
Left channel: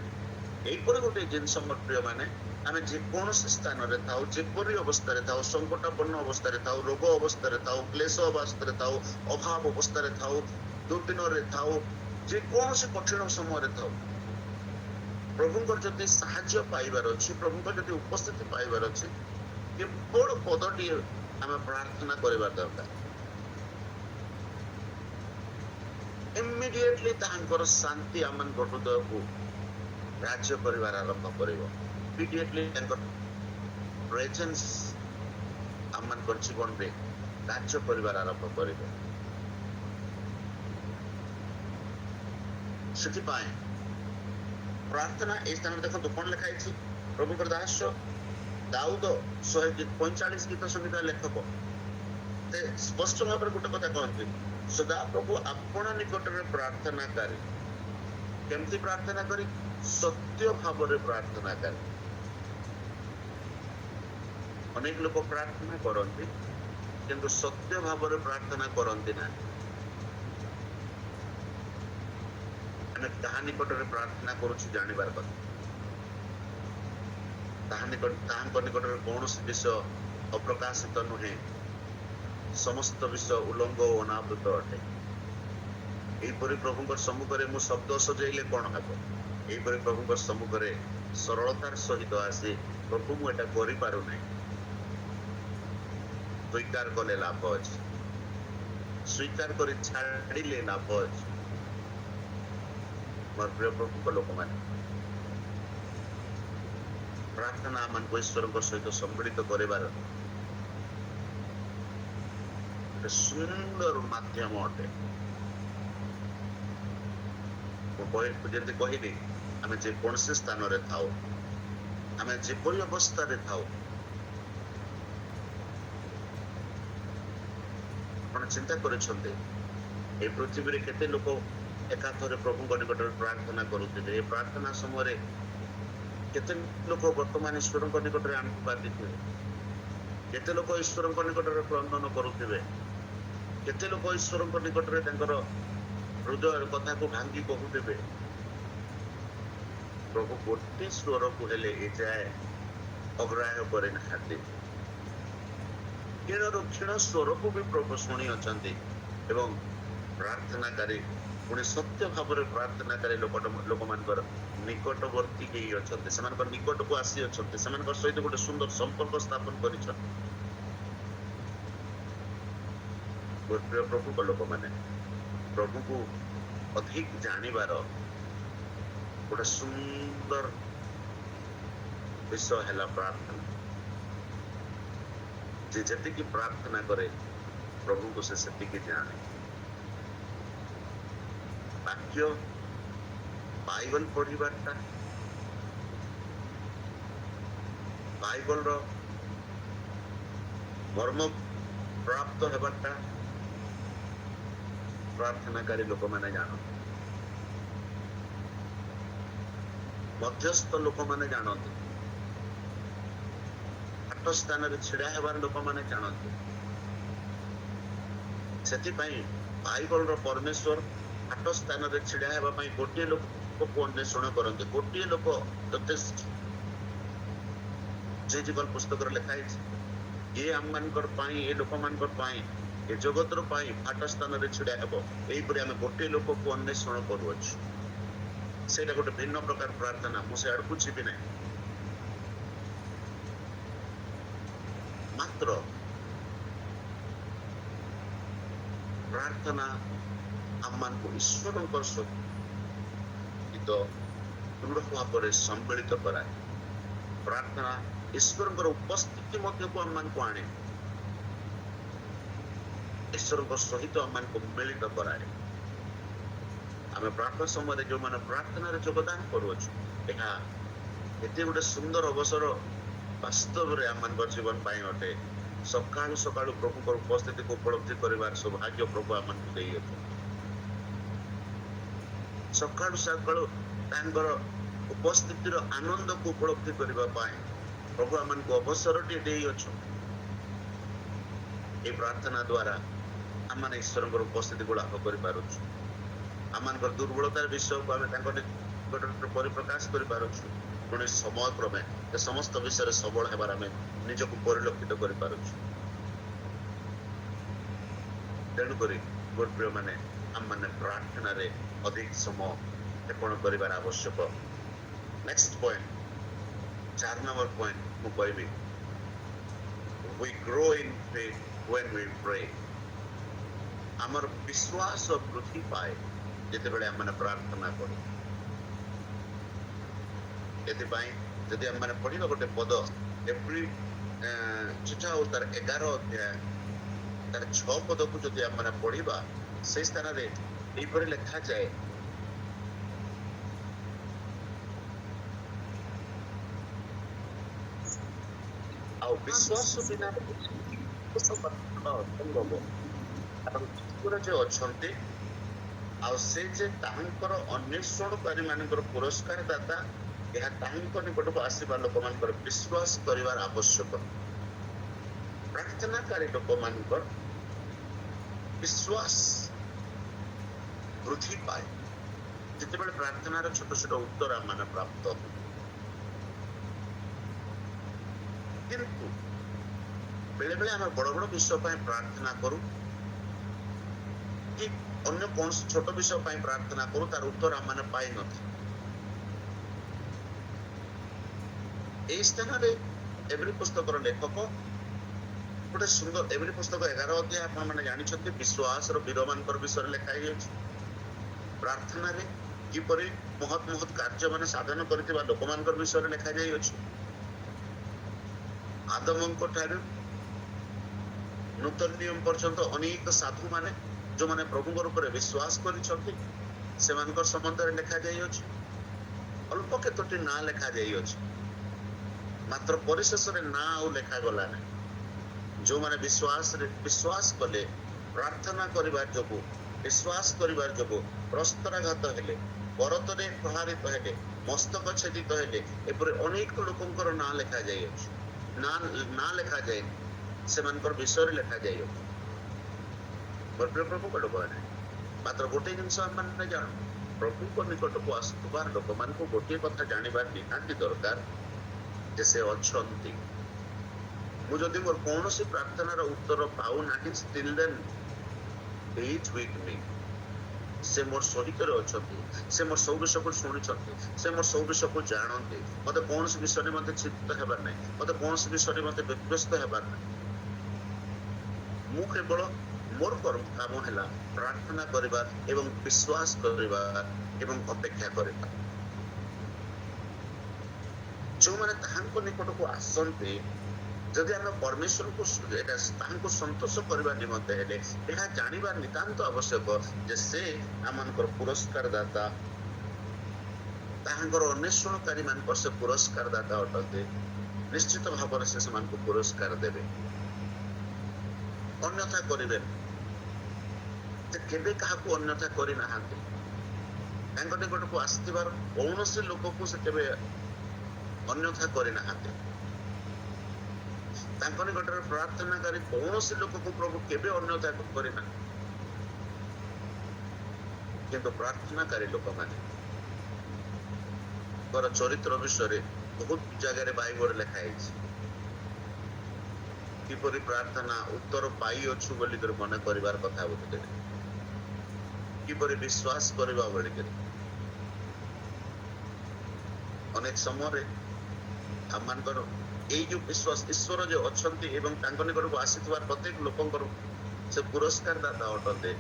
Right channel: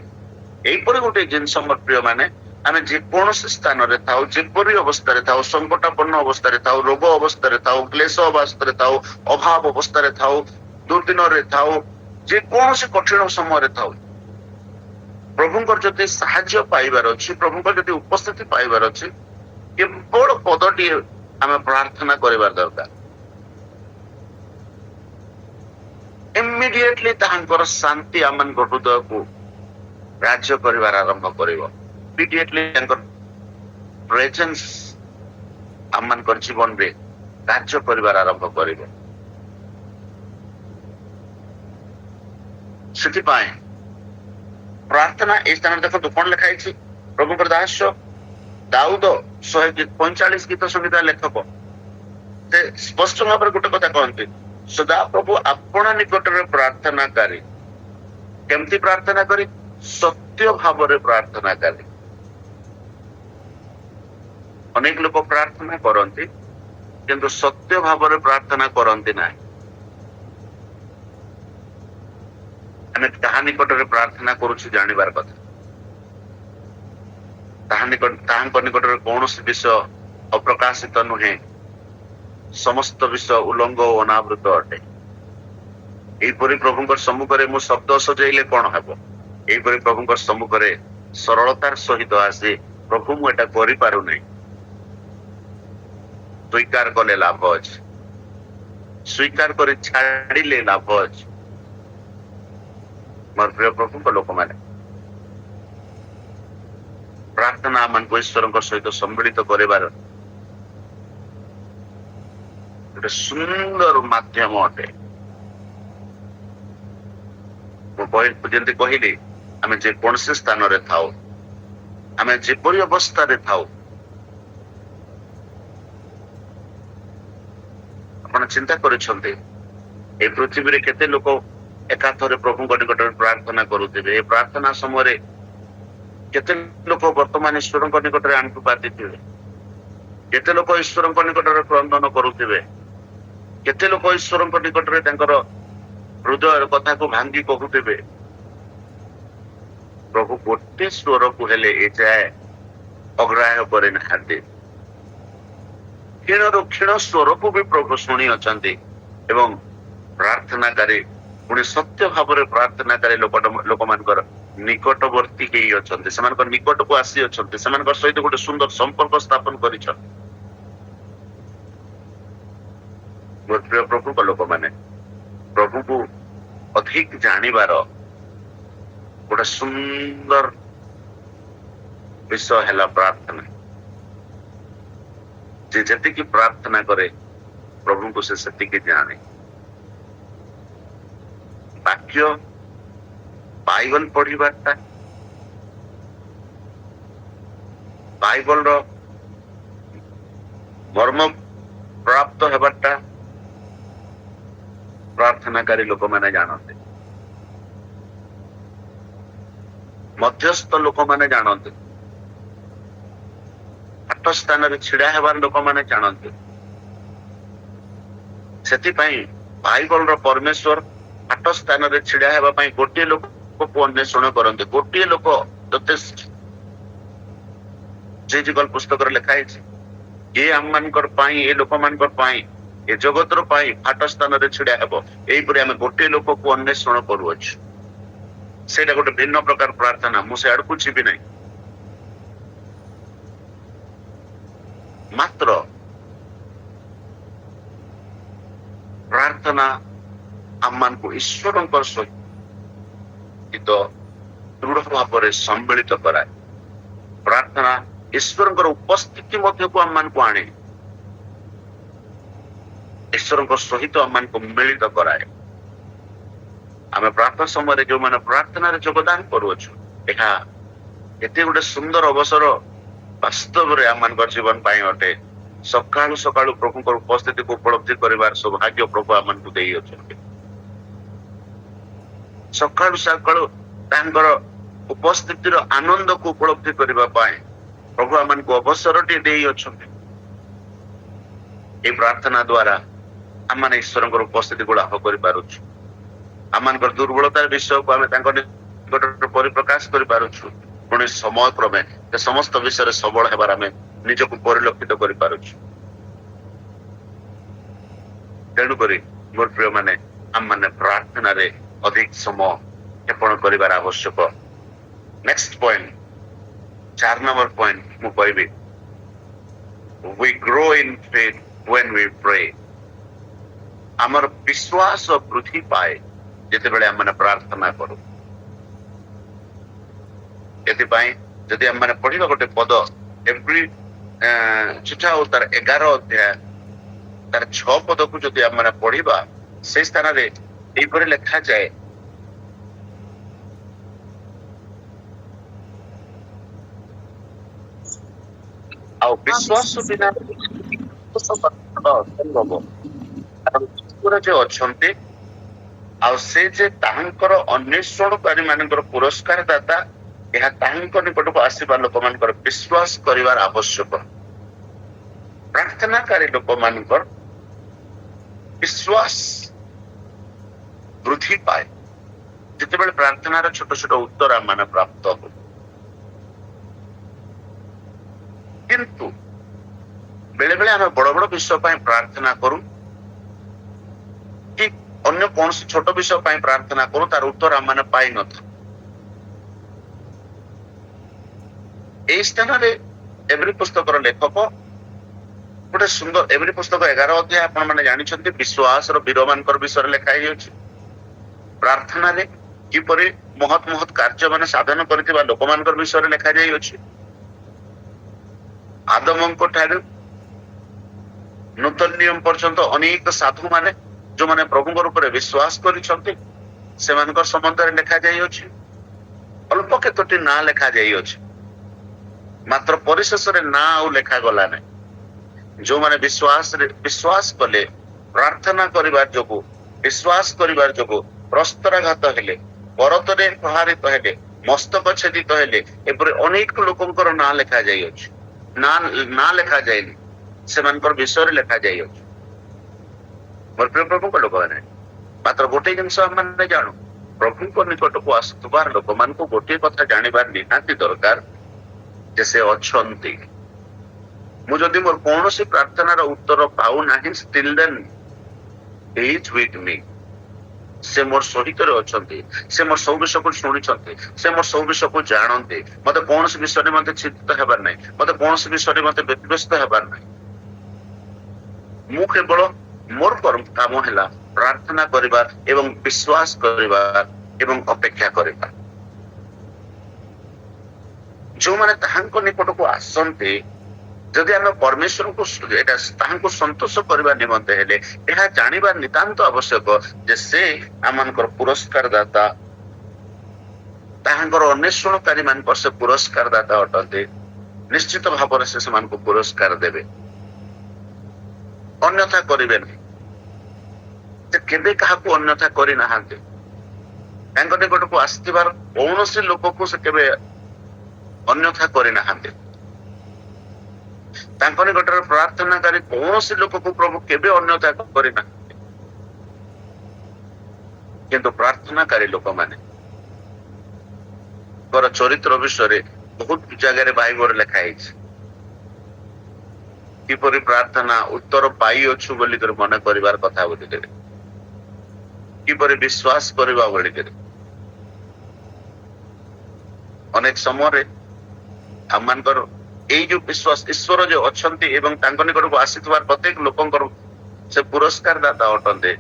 एई परि गोटे जिनस मोर प्रिय माने आमे जे कोनोसी स्थान रे थाउ जे परि अवस्था रे थाउ संकटापन्न अवस्था रे थाउ रोग अवस्था रे थाउ क्लेश अवस्था रे थाउ अभाव अवस्था रे थाउ दुर्दिन रे थाउ जे कोनोसी कठिन समय रे थाउ प्रभुंकर जदि साहाय्य पाइबार अच्छी प्रभुंकर जदि उपस्थिति पाइबार अच्छी केवल पदटी आम प्रार्थना करिबार दरकार इमिडिएटली ताहांकर शांति आम हृदय को राज्य करिबार आरंभ करिवो इमिडिएटली तांकर प्रेजेंस आम जीवन रे राज्य करिबार आरंभ करिवो सेति पाए प्रार्थना ए स्थान देखो कौन लिखाई प्रभु दास दाऊद 145 गीत संगीत लेखक से स्पष्ट भाव गोटे कथा कहते सदा प्रभु आपण निकट में प्रार्थना करी केमती प्रार्थना करी सत्य भाव प्रार्थना करी अनेक लोक प्रार्थना करती किंतु सत्य भाव प्रार्थना करती ना आमे ताहा निकटरे प्रार्थना करूछु जानिबार कथा ताहांक निकटरे कौनसी विषय अप्रकाशित नुहे समस्त विषय उलंग और अनावृत अटे एपरी प्रभुंकर सम्मुखरे मु शब्द सजेइले कौन हेबो एपरी प्रभुंकर सम्मुखरे सरलतार सहित आसे प्रभु मु एटा करि पारु नै स्वीकार कले लाभ अछि स्वीकार करे छाड़िले लाभ अछि मोर प्रिय प्रभु को लोक माने प्रार्थना मन को ईश्वर सहित सम्मिलित करिबार गोटे सुंदर माध्यम अटे जमी कहली आम जे कौन से स्थान रे थाउ आम जेपरी अवस्था रे थाउ आपण चिंता करिसंते ए पृथ्वी रे केते लोक एकाथरे प्रभु निकट प्रार्थना करुवे प्रार्थना समय केते लोक वर्तमान ईश्वर निकट आंटु पाती केते लोक ईश्वर निकट क्रंदन करुवे केते लोक ईश्वर निकट हृदय कथा को भांगी कहते प्रभु गोटे स्वर को हेले ए जाए अग्राह्य करे नाहांती क्षीण क्षीण स्वर को भी प्रभु शुणी अच्छा एवं प्रार्थनाकारी पुणे सत्य भाव प्रार्थना करे लोक मानकर निकटवर्ती निकट को आसी अच्छा सहित गोटे सुंदर संपर्क स्थापन कर प्रभु का लोक माने प्रभु को अधिक जानिबार गोटे सुंदर विषय है प्रार्थना जे जति प्रार्थना करे प्रभु को से सेतिकी जाने वाक्य बाइबल पढ़ीबाटा बाइबल रो मर्म प्राप्त हेबाटा प्रार्थनाकारी लोक माने जानते मध्यस्थ लोक माने जानते आठ स्थान रे छिड़ा हेबार लोक माने जानते सेति पई बाइबल रो परमेश्वर आठ स्थान रे छिड़ा हेबा पई गोटे लोक ଲୋକକୁ ଅନ୍ୱେଷଣ କରନ୍ତି। ଗୋଟିଏ ଲୋକ ଯଥେଷ୍ଟ। ଜିଜିକଲ ପୁସ୍ତକରେ ଲେଖା ହେଇଛି, ଏ ଆମମାନଙ୍କର ପାଇଁ, ଏ ଲୋକମାନଙ୍କର ପାଇଁ, ଏ ଜଗତର ପାଇଁ ଫାଟ ସ୍ଥାନରେ ଛିଡା ହେବ। ଏଇପରି ଆମେ ଗୋଟିଏ ଲୋକକୁ ଅନ୍ୱେଷଣ କରୁଅଛୁ। ସେଇଟା ଗୋଟେ ଭିନ୍ନ ପ୍ରକାର ପ୍ରାର୍ଥନା। ମୁଁ ସେ ଆଡକୁ ଯିବି ନାହିଁ। ମାତ୍ର ପ୍ରାର୍ଥନା ଆମମାନଙ୍କୁ ଈଶ୍ୱରଙ୍କର ସହିତ ଦୃଢ ଭାବରେ ସମ୍ମିଳିତ କରାଏ। ପ୍ରାର୍ଥନା ଈଶ୍ୱରଙ୍କର ଉପସ୍ଥିତି ମଧ୍ୟକୁ ଆମମାନଙ୍କୁ ଆଣେ, ଈଶ୍ୱରଙ୍କ ସହିତ ଆମମାନଙ୍କୁ ମିଳିତ କରାଏ। ଆମେ ପ୍ରାର୍ଥନା ସମୟରେ ଯୋଉମାନେ ପ୍ରାର୍ଥନାରେ ଯୋଗଦାନ କରୁଅଛୁ, ଏହା ଏତେ ଗୋଟେ ସୁନ୍ଦର ଅବସର ବାସ୍ତବରେ ଆମମାନଙ୍କର ଜୀବନ ପାଇଁ ଅଟେ। ସକାଳୁ ସକାଳୁ ପ୍ରଭୁଙ୍କର ଉପସ୍ଥିତିକୁ ଉପଲବ୍ଧି କରିବାର ସୌଭାଗ୍ୟ ପ୍ରଭୁ ଆମମାନଙ୍କୁ ଦେଇଅଛନ୍ତି। ସକାଳୁ ସକାଳୁ ତାଙ୍କର ଉପସ୍ଥିତିର ଆନନ୍ଦକୁ ଉପଲବ୍ଧି କରିବା ପାଇଁ ପ୍ରଭୁ ଆମମାନଙ୍କୁ ଅବସରଟି ଦେଇଅଛନ୍ତି। ଏହି ପ୍ରାର୍ଥନା ଦ୍ୱାରା ଆମମାନେ ଈଶ୍ୱରଙ୍କର ଉପସ୍ଥିତିକୁ ଲାଭ କରିପାରୁଛୁ। ଆମମାନଙ୍କର ଦୁର୍ବଳତାର ବିଷୟକୁ ଆମେ ତାଙ୍କ ନିକଟରେ ପରିପ୍ରକାଶ କରିପାରୁଛୁ। ପୁଣି ସମୟ କ୍ରମେ ସେ ସମସ୍ତ ବିଷୟରେ ସବଳ ହେବାର ଆମେ ନିଜକୁ ପରିଲକ୍ଷିତ କରିପାରୁଛୁ। ତେଣୁକରି ମୋର ପ୍ରିୟ ମାନେ, ଆମମାନେ ପ୍ରାର୍ଥନାରେ ଅଧିକ ସମୟ କ୍ଷେପଣ କରିବାର ଆବଶ୍ୟକ। ନେକ୍ସଟ ପଏଣ୍ଟ, 4 ନମ୍ବର ପଏଣ୍ଟ ମୁଁ କହିବି, we grow in faith when we pray। ଆମର ବିଶ୍ୱାସ ବୃଦ୍ଧି ପାଏ ଯେତେବେଳେ ଆମମାନେ ପ୍ରାର୍ଥନା କରୁ। ଏଥିପାଇଁ ଯଦି ଆମମାନେ ପଢିବା ଗୋଟେ ପଦ, ଏଭ୍ରି ଚିଠା ଓ ତାର 11 ଅଧ୍ୟାୟ ତାର 6 ପଦକୁ ଯଦି ଆମମାନେ ପଢିବା, ସେ ସ୍ଥାନରେ ଏଇପରି ଲେଖାଯାଏ, ଆଉ ବିଶ୍ୱାସ ବିନା ଅସମ୍ଭବ। ଈଶ୍ୱର ଯେ ଅଛନ୍ତି ଆଉ ସେ ଯେ ତାହାଙ୍କର ଅନ୍ୱେଷଣକାରୀ ମାନଙ୍କର ପୁରସ୍କାର ଦାତା, ଏହା ତାହାଙ୍କ ନିକଟକୁ ଆସିବା ଲୋକମାନଙ୍କର ବିଶ୍ୱାସ କରିବାର ଆବଶ୍ୟକ। ପ୍ରାର୍ଥନାକାରୀ ଲୋକମାନଙ୍କର ବିଶ୍ୱାସ ବୃଦ୍ଧି ପାଏ ଯେତେବେଳେ ପ୍ରାର୍ଥନାର ଛୋଟ ଛୋଟ ଉତ୍ତର ଆମମାନେ ପ୍ରାପ୍ତ ହଉ। କିନ୍ତୁ ବେଳେ ବେଳେ ଆମେ ବଡ ବଡ ବିଷୟ ପାଇଁ ପ୍ରାର୍ଥନା କରୁ, କି ଅନ୍ୟ କୌଣସି ଛୋଟ ବିଷୟ ପାଇଁ ପ୍ରାର୍ଥନା କରୁ, ତାର ଉତ୍ତର ଆମମାନେ ପାଇନଥାଉ। এই ସ୍ଥାନରେ ଏଭ୍ରି ପୁସ୍ତକର ଲେଖକ ଗୋଟେ ସୁନ୍ଦର, ଏଭ୍ରି ପୁସ୍ତକ 11 ଅଧ୍ୟାୟ ଆପଣ ମାନେ ଜାଣିଛନ୍ତି, ବିଶ୍ୱାସର ବୀରମାନଙ୍କର ବିଷୟରେ ଲେଖା ହେଇଅଛି। ପ୍ରାର୍ଥନାରେ କିପରି ମହତ୍ ମହତ୍ କାର୍ଯ୍ୟ ମାନେ ସାଧନ କରିଥିବା ଲୋକମାନଙ୍କର ବିଷୟରେ ଲେଖା ଯାଇଅଛି। ଆଦମଙ୍କ ଠାରୁ ନୂତନ ନିୟମ ପର୍ଯ୍ୟନ୍ତ ଅନେକ ସାଧୁ ମାନେ ଯୋଉମାନେ ପ୍ରଭୁଙ୍କର ଉପରେ ବିଶ୍ୱାସ କରିଛନ୍ତି, ସେମାନଙ୍କର ସମ୍ବନ୍ଧରେ ଲେଖା ଯାଇଅଛି। ଅଳ୍ପ କେତୋଟି ନାଁ ଲେଖା ଯାଇଅଛି, ମାତ୍ର ପରିଶେଷରେ ନାଁ ଆଉ ଲେଖାଗଲା ନାହିଁ। ଯୋଉମାନେ ବିଶ୍ୱାସ କଲେ, ପ୍ରାର୍ଥନା କରିବାର ଯୋଗୁ, ବିଶ୍ୱାସ କରିବାର ଯୋଗୁ ପ୍ରସ୍ତରାଘାତ ହେଲେ, କରତରେ ପ୍ରହାରିତ ହେଲେ, ମସ୍ତକ ଛେଦିତ ହେଲେ, ଏପରି ଅନେକ ଲୋକଙ୍କର ନାଁ ଲେଖା ଯାଇଅଛି। ନାଁ ଲେଖା ଯାଇନି, ସେମାନଙ୍କର ବିଷୟରେ ଲେଖା ଯାଇଅଛି। ମୋର ପ୍ରିୟ ପ୍ରଭୁଙ୍କ ଲୋକମାନେ, ମାତ୍ର ଗୋଟିଏ ଜିନିଷ ଆମେ ଜାଣୁ, ପ୍ରଭୁଙ୍କ ନିକଟକୁ ଆସୁଥିବାର ଲୋକମାନଙ୍କୁ ଗୋଟିଏ କଥା ଜାଣିବାର ନିହାତି ଦରକାର ଯେ ସେ ଅଛନ୍ତି। ମୁଁ ଯଦି ମୋର କୌଣସି ପ୍ରାର୍ଥନାର ଉତ୍ତର ପାଉନାହିଁ, still then he is with me। ସେ ମୋର ସହିତରେ ଅଛନ୍ତି, ସେ ମୋର ସବୁ ବିଷୟକୁ ଶୁଣିଛନ୍ତି, ସେ ମୋର ସବୁ ବିଷୟକୁ ଜାଣନ୍ତି। ମତେ କୌଣସି ବିଷୟରେ ମତେ ଚିନ୍ତିତ ହେବାର ନାହିଁ, ମତେ କୌଣସି ବିଷୟରେ ମତେ ବ୍ୟତିବ୍ୟସ୍ତ ହେବାର ନାହିଁ। ମୁଁ କେବଳ ମୋର କାମ ହେଲା ପ୍ରାର୍ଥନା କରିବା ଏବଂ ବିଶ୍ୱାସ କରିବା ଏବଂ ଅପେକ୍ଷା କରିବା। ଯୋଉମାନେ ତାହାଙ୍କ ନିକଟକୁ ଆସନ୍ତି, ଯଦି ଆମେ ପରମେଶ୍ୱରଙ୍କୁ ଏଟା ତାହାଙ୍କୁ ସନ୍ତୋଷ କରିବା ନିମନ୍ତେ ହେଲେ ଏହା ଜାଣିବା ନିତାନ୍ତ ଆବଶ୍ୟକ ଯେ ସେ ଆମମାନଙ୍କର ପୁରସ୍କାର ଦାତା, ତାହାଙ୍କର ଅନ୍ୱେଷଣକାରୀ ମାନଙ୍କର ସେ ପୁରସ୍କାର ଦାତା ଅଟନ୍ତି। ନିଶ୍ଚିତ ଭାବରେ ସେ ସେମାନଙ୍କୁ ପୁରସ୍କାର ଦେବେ, ଅନ୍ୟଥା କରିବେନି। ସେ କେବେ କାହାକୁ ଅନ୍ୟଥା କରିନାହାନ୍ତି। ତାଙ୍କ ନିକଟକୁ ଆସିଥିବାର କୌଣସି ଲୋକକୁ ସେ କେବେ ଅନ୍ୟଥା କରିନାହାନ୍ତି। ତାଙ୍କ ନିକଟରେ ପ୍ରାର୍ଥନାକାରୀ କୌଣସି ଲୋକକୁ ପ୍ରଭୁ କେବେ ଅନ୍ୟଥା କରିନାହାନ୍ତି। କିନ୍ତୁ ପ୍ରାର୍ଥନାକାରୀ ଲୋକମାନେ ଚରିତ୍ର ବିଷୟରେ ବହୁତ ଜାଗାରେ ବାଇବଲରେ ଲେଖା ହେଇଛି। କିପରି ପ୍ରାର୍ଥନା ଉତ୍ତର ପାଇଅଛୁ ବୋଲିକରି ମନେ କରିବାର କଥା ବୋଲିକରି, କିପରି ବିଶ୍ୱାସ କରିବା ବୋଲିକରି। ଅନେକ ସମୟରେ ଆମମାନଙ୍କର ଏଇ ଯୋଉ ବିଶ୍ୱାସ ଈଶ୍ୱର ଯୋଉ ଅଛନ୍ତି ଏବଂ ତାଙ୍କ ନିକଟକୁ ଆସିଥିବା ପ୍ରତ୍ୟେକ ଲୋକଙ୍କର ସେ ପୁରସ୍କାର ଦାତା ଅଟନ୍ତି।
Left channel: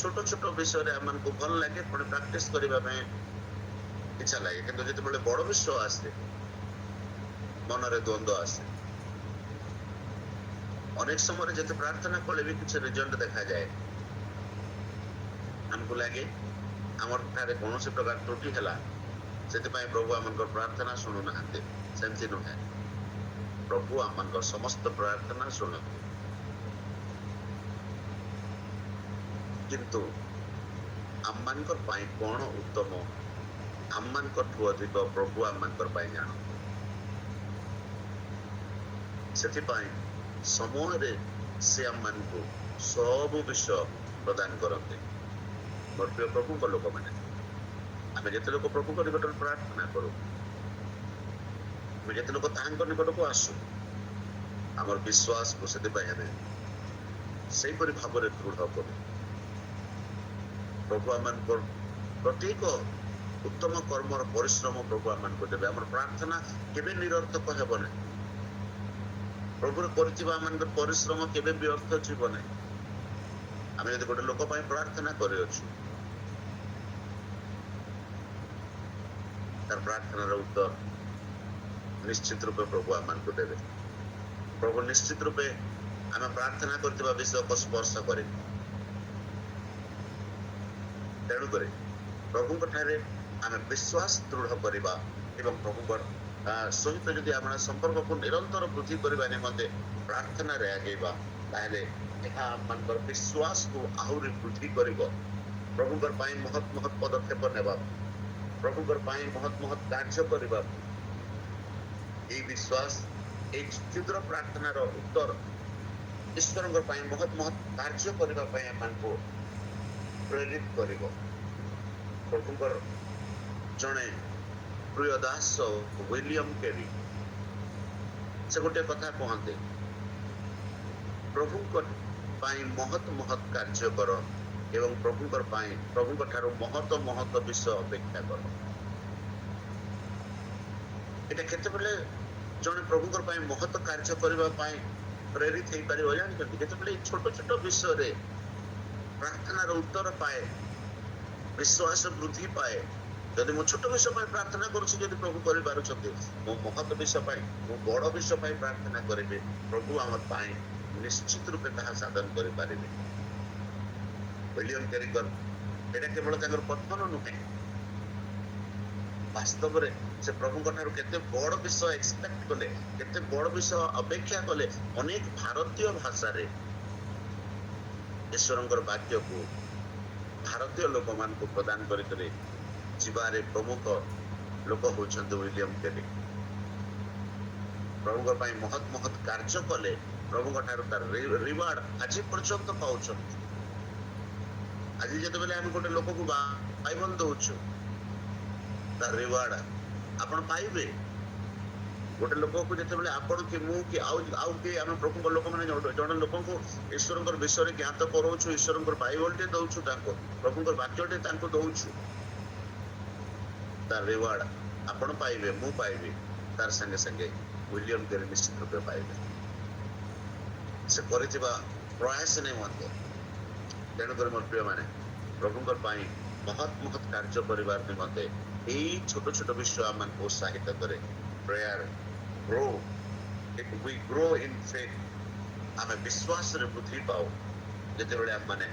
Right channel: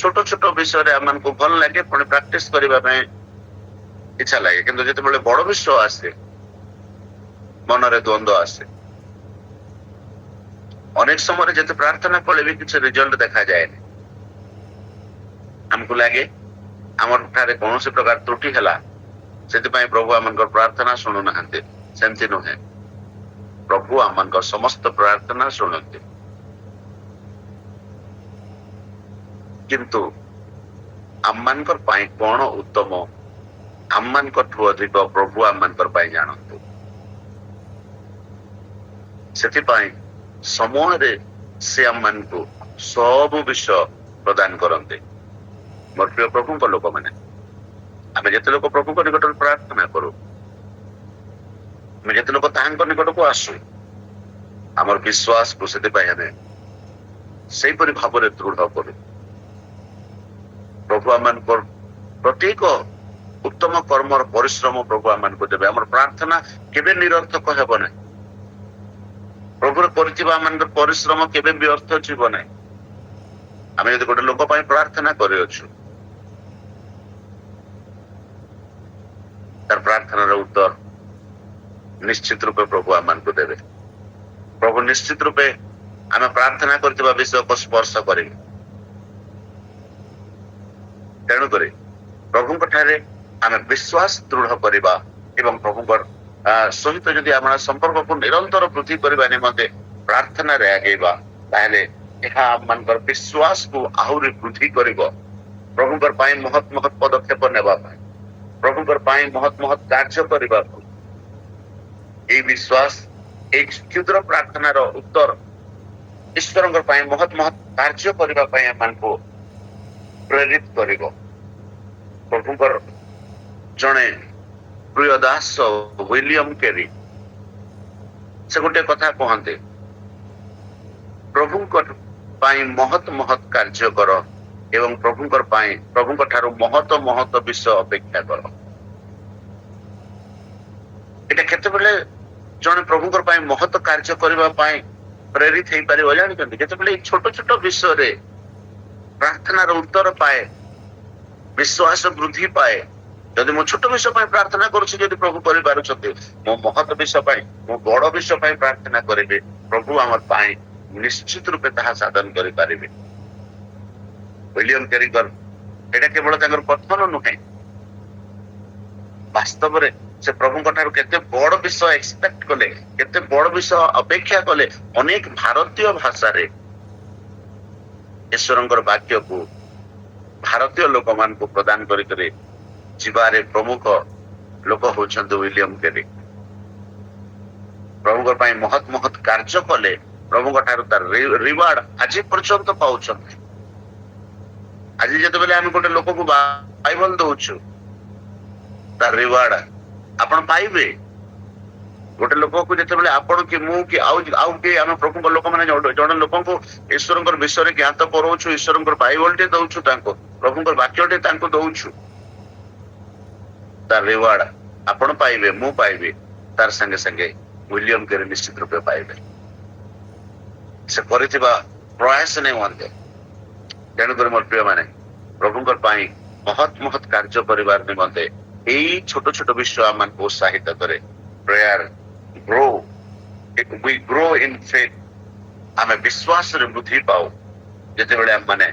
ଛୋଟ ଛୋଟ ବିଷୟରେ ଆମମାନଙ୍କୁ ଭଲ ଲାଗେ, ପୁଣି ପ୍ରାକ୍ଟିସ କରିବା ପାଇଁ ଇଚ୍ଛା ଲାଗେ, କିନ୍ତୁ ଯେତେବେଳେ ବଡ ବିଷୟ ଆସେ ମନରେ ଦ୍ୱନ୍ଦ୍ୱ ଆସେ। ଅନେକ ସମୟରେ ଯେତେ ପ୍ରାର୍ଥନା କଲେ ବି କିଛି ରେଜଲ୍ଟ ଦେଖାଯାଏନି। ଆମକୁ ଲାଗେ ଆମର ଠାରେ କୌଣସି ପ୍ରକାର ତ୍ରୁଟି ହେଲା, ସେଥିପାଇଁ ପ୍ରଭୁ ଆମଙ୍କର ପ୍ରାର୍ଥନା ଶୁଣୁନାହାନ୍ତି। ସେମିତି ନୁହେଁ, ପ୍ରଭୁ ଆମଙ୍କର ସମସ୍ତ ପ୍ରାର୍ଥନା ଶୁଣନ୍ତି। କିନ୍ତୁ ଆମମାନଙ୍କର ପାଇଁ କଣ ଉତ୍ତମ, ଆମମାନଙ୍କଠୁ ଅଧିକ ପ୍ରଭୁ ଆମମାନଙ୍କର ପାଇଁ ଜାଣନ୍ତି। ସେଥିପାଇଁ ସମୟରେ ସେ ଆମମାନଙ୍କୁ ସବୁ ବିଷୟ ପ୍ରଦାନ କରନ୍ତି। ମୋର ପ୍ରିୟ ପ୍ରଭୁଙ୍କ ଲୋକମାନେ, ଆମେ ଯେତେ ଲୋକ ପ୍ରଭୁଙ୍କ ନିକଟରେ ପ୍ରାର୍ଥନା କରୁ, ଆମେ ଯେତେ ଲୋକ ତାହାଙ୍କ ନିକଟକୁ ଆସୁ, ଆମର ବିଶ୍ୱାସକୁ ସେଥିପାଇଁ ଆମେ ସେଇପରି ଭାବରେ ଦୃଢ କରୁ। ପ୍ରଭୁ ଆମମାନଙ୍କର ପ୍ରତ୍ୟେକ ଉତ୍ତମ କର୍ମର ପରିଶ୍ରମ ପ୍ରଭୁ ଆମମାନଙ୍କୁ ଦେବେ। ଆମର ପ୍ରାର୍ଥନା କେବେ ନିରର୍ଥକ ହେବ ନାହିଁ। ପ୍ରଭୁର କରିଥିବା ଆମମାନଙ୍କର ପରିଶ୍ରମ କେବେ ବ୍ୟର୍ଥ ଯିବ ନାହିଁ। ଆମେ ଯଦି ଗୋଟେ ଲୋକ ପାଇଁ ପ୍ରାର୍ଥନା କରିଅଛୁ, ତାର ପ୍ରାର୍ଥନାର ଉତ୍ତର ନିଶ୍ଚିତ ରୂପେ ପ୍ରଭୁ ଆମମାନଙ୍କୁ ଦେବେ। ପ୍ରଭୁ ନିଶ୍ଚିତ ରୂପେ ଆମେ ପ୍ରାର୍ଥନା କରିଥିବା ବିଷୟକୁ ସ୍ପର୍ଶ କରିବେ। ତେଣୁକରି ପ୍ରଭୁଙ୍କ ଠାରେ ଆମେ ବିଶ୍ୱାସ ଦୃଢ କରିବା ଏବଂ ପ୍ରଭୁଙ୍କ ସହିତ ଯଦି ଆମର ସମ୍ପର୍କକୁ ନିରନ୍ତର ବୃଦ୍ଧି କରିବା ନିମନ୍ତେ ପ୍ରାର୍ଥନାରେ ଆଗେଇବା, ତାହେଲେ ଏହା ଆମମାନଙ୍କର ବିଶ୍ୱାସକୁ ଆହୁରି ବୃଦ୍ଧି କରିବ। ପ୍ରଭୁଙ୍କର ପାଇଁ ମହତ୍ ମହତ୍ ପଦକ୍ଷେପ ନେବା ପାଇଁ, ପ୍ରଭୁଙ୍କର ପାଇଁ ମହତ୍ ମହତ୍ କାର୍ଯ୍ୟ କରିବାକୁ ଏଇ ବିଶ୍ୱାସ, ଏଇ କ୍ଷୁଦ୍ର ପ୍ରାର୍ଥନାର ଉତ୍ତର ଈଶ୍ୱରଙ୍କ ପାଇଁ ମହତ୍ ମହତ୍ କାର୍ଯ୍ୟ କରିବା ପାଇଁ ଆମମାନଙ୍କୁ ପ୍ରେରିତ କରିବ। ପ୍ରଭୁଙ୍କର ଜଣେ ପ୍ରିୟ ଦାସ ୱିଲିୟମ କେରି ସେ ଗୋଟେ କଥା କହନ୍ତି, ପ୍ରଭୁଙ୍କ ପାଇଁ ମହତ୍ ମହତ୍ କାର୍ଯ୍ୟ କର ଏବଂ ପ୍ରଭୁଙ୍କ ଠାରୁ ମହତ ମହତ ବିଷୟ ଅପେକ୍ଷା କର। ଏଟା କେତେବେଳେ ଜଣେ ପ୍ରଭୁଙ୍କର ପାଇଁ ମହତ କାର୍ଯ୍ୟ କରିବା ପାଇଁ ପ୍ରେରିତ ହେଇପାରିବ ଜାଣିଛନ୍ତି? ଯେତେବେଳେ ଏଇ ଛୋଟ ଛୋଟ ବିଷୟରେ ପ୍ରାର୍ଥନାର ଉତ୍ତର ପାଏ, ବିଶ୍ୱାସ ବୃଦ୍ଧି ପାଏ। ଯଦି ମୁଁ ଛୋଟ ବିଷୟ ପାଇଁ ପ୍ରାର୍ଥନା କରୁଛି, ଯଦି ପ୍ରଭୁ କରିପାରୁଛନ୍ତି, ମୋ ମହତ ବିଷୟ ପାଇଁ, ମୋ ବଡ ବିଷୟ ପାଇଁ ପ୍ରାର୍ଥନା କରିବେ, ପ୍ରଭୁ ଆମର ପାଇଁ ନିଶ୍ଚିତ ରୂପେ ତାହା ସାଧନ କରିପାରିବେ। ୱିଲିୟମ କେରିଙ୍କର ଏଇଟା କେବଳ ତାଙ୍କର କଥନ ନୁହେଁ, ବାସ୍ତବରେ ସେ ପ୍ରଭୁଙ୍କ ଠାରୁ କେତେ ବଡ ବିଷୟ ଏକ୍ସପେକ୍ଟ କଲେ, କେତେ ବଡ ବିଷୟ ଅପେକ୍ଷା କଲେ। ଅନେକ ଭାରତୀୟ ଭାଷାରେ ଈଶ୍ୱରଙ୍କର ବାକ୍ୟକୁ ଭାରତୀୟ ଲୋକମାନଙ୍କୁ ପ୍ରଦାନ କରିକରି ଯିବାରେ ପ୍ରମୁଖ ଲୋକ ହଉଛନ୍ତି ୱିଲିୟମ କେରି। ପ୍ରଭୁଙ୍କ ପାଇଁ ମହତ୍ ମହତ୍ କାର୍ଯ୍ୟ କଲେ, ପ୍ରଭୁଙ୍କ ଠାରୁ ତାର ରିୱାର୍ଡ ଆଜି ପର୍ଯ୍ୟନ୍ତ ପାଉଛନ୍ତି। ଆଜି ଯେତେବେଳେ ଆମେ ଗୋଟେ ଲୋକକୁ ବାଇବଲ ଦଉଛୁ, ତାର ରିୱାର୍ଡ ଆପଣ ପାଇବେ। ଗୋଟେ ଲୋକକୁ ଯେତେବେଳେ ଆପଣ କି ମୁଁ କି ଆଉ କିଏ ଆମେ ପ୍ରଭୁଙ୍କ ଲୋକମାନେ ଜଣେ ଲୋକଙ୍କୁ ଈଶ୍ୱରଙ୍କର ବିଷୟରେ ଜ୍ଞାତ କରଉଛୁ, ଈଶ୍ୱରଙ୍କର ବାଇବଲଟେ ଦଉଛୁ, ତାଙ୍କୁ ପ୍ରଭୁଙ୍କର ବାକ୍ୟଟେ ତାଙ୍କୁ ଦଉଛୁ, ତାର ରିୱାର୍ଡ ଆପଣ ପାଇବେ, ମୁଁ ପାଇବି, ତାର ସାଙ୍ଗେ ସାଙ୍ଗେ ୱିଲିୟମ କେରି ନିଶ୍ଚିତ ରୂପେ ପାଇବେ। ସେ କରିଥିବା ପ୍ରୟାସ ନିମନ୍ତେ। ତେଣୁକରି ମୋର ପ୍ରିୟ ମାନେ, ପ୍ରଭୁଙ୍କର ପାଇଁ ମହତ୍ ମହତ୍ କାର୍ଯ୍ୟ କରିବାର ନିମନ୍ତେ ଏଇ ଛୋଟ ଛୋଟ ବିଷୟ ଆମମାନଙ୍କୁ ଉତ୍ସାହିତ କରେ। Prayer grow, we grow in faith। ଆମେ ବିଶ୍ୱାସରେ ବୃଦ୍ଧି ପାଉ ଯେତେବେଳେ ଆମମାନେ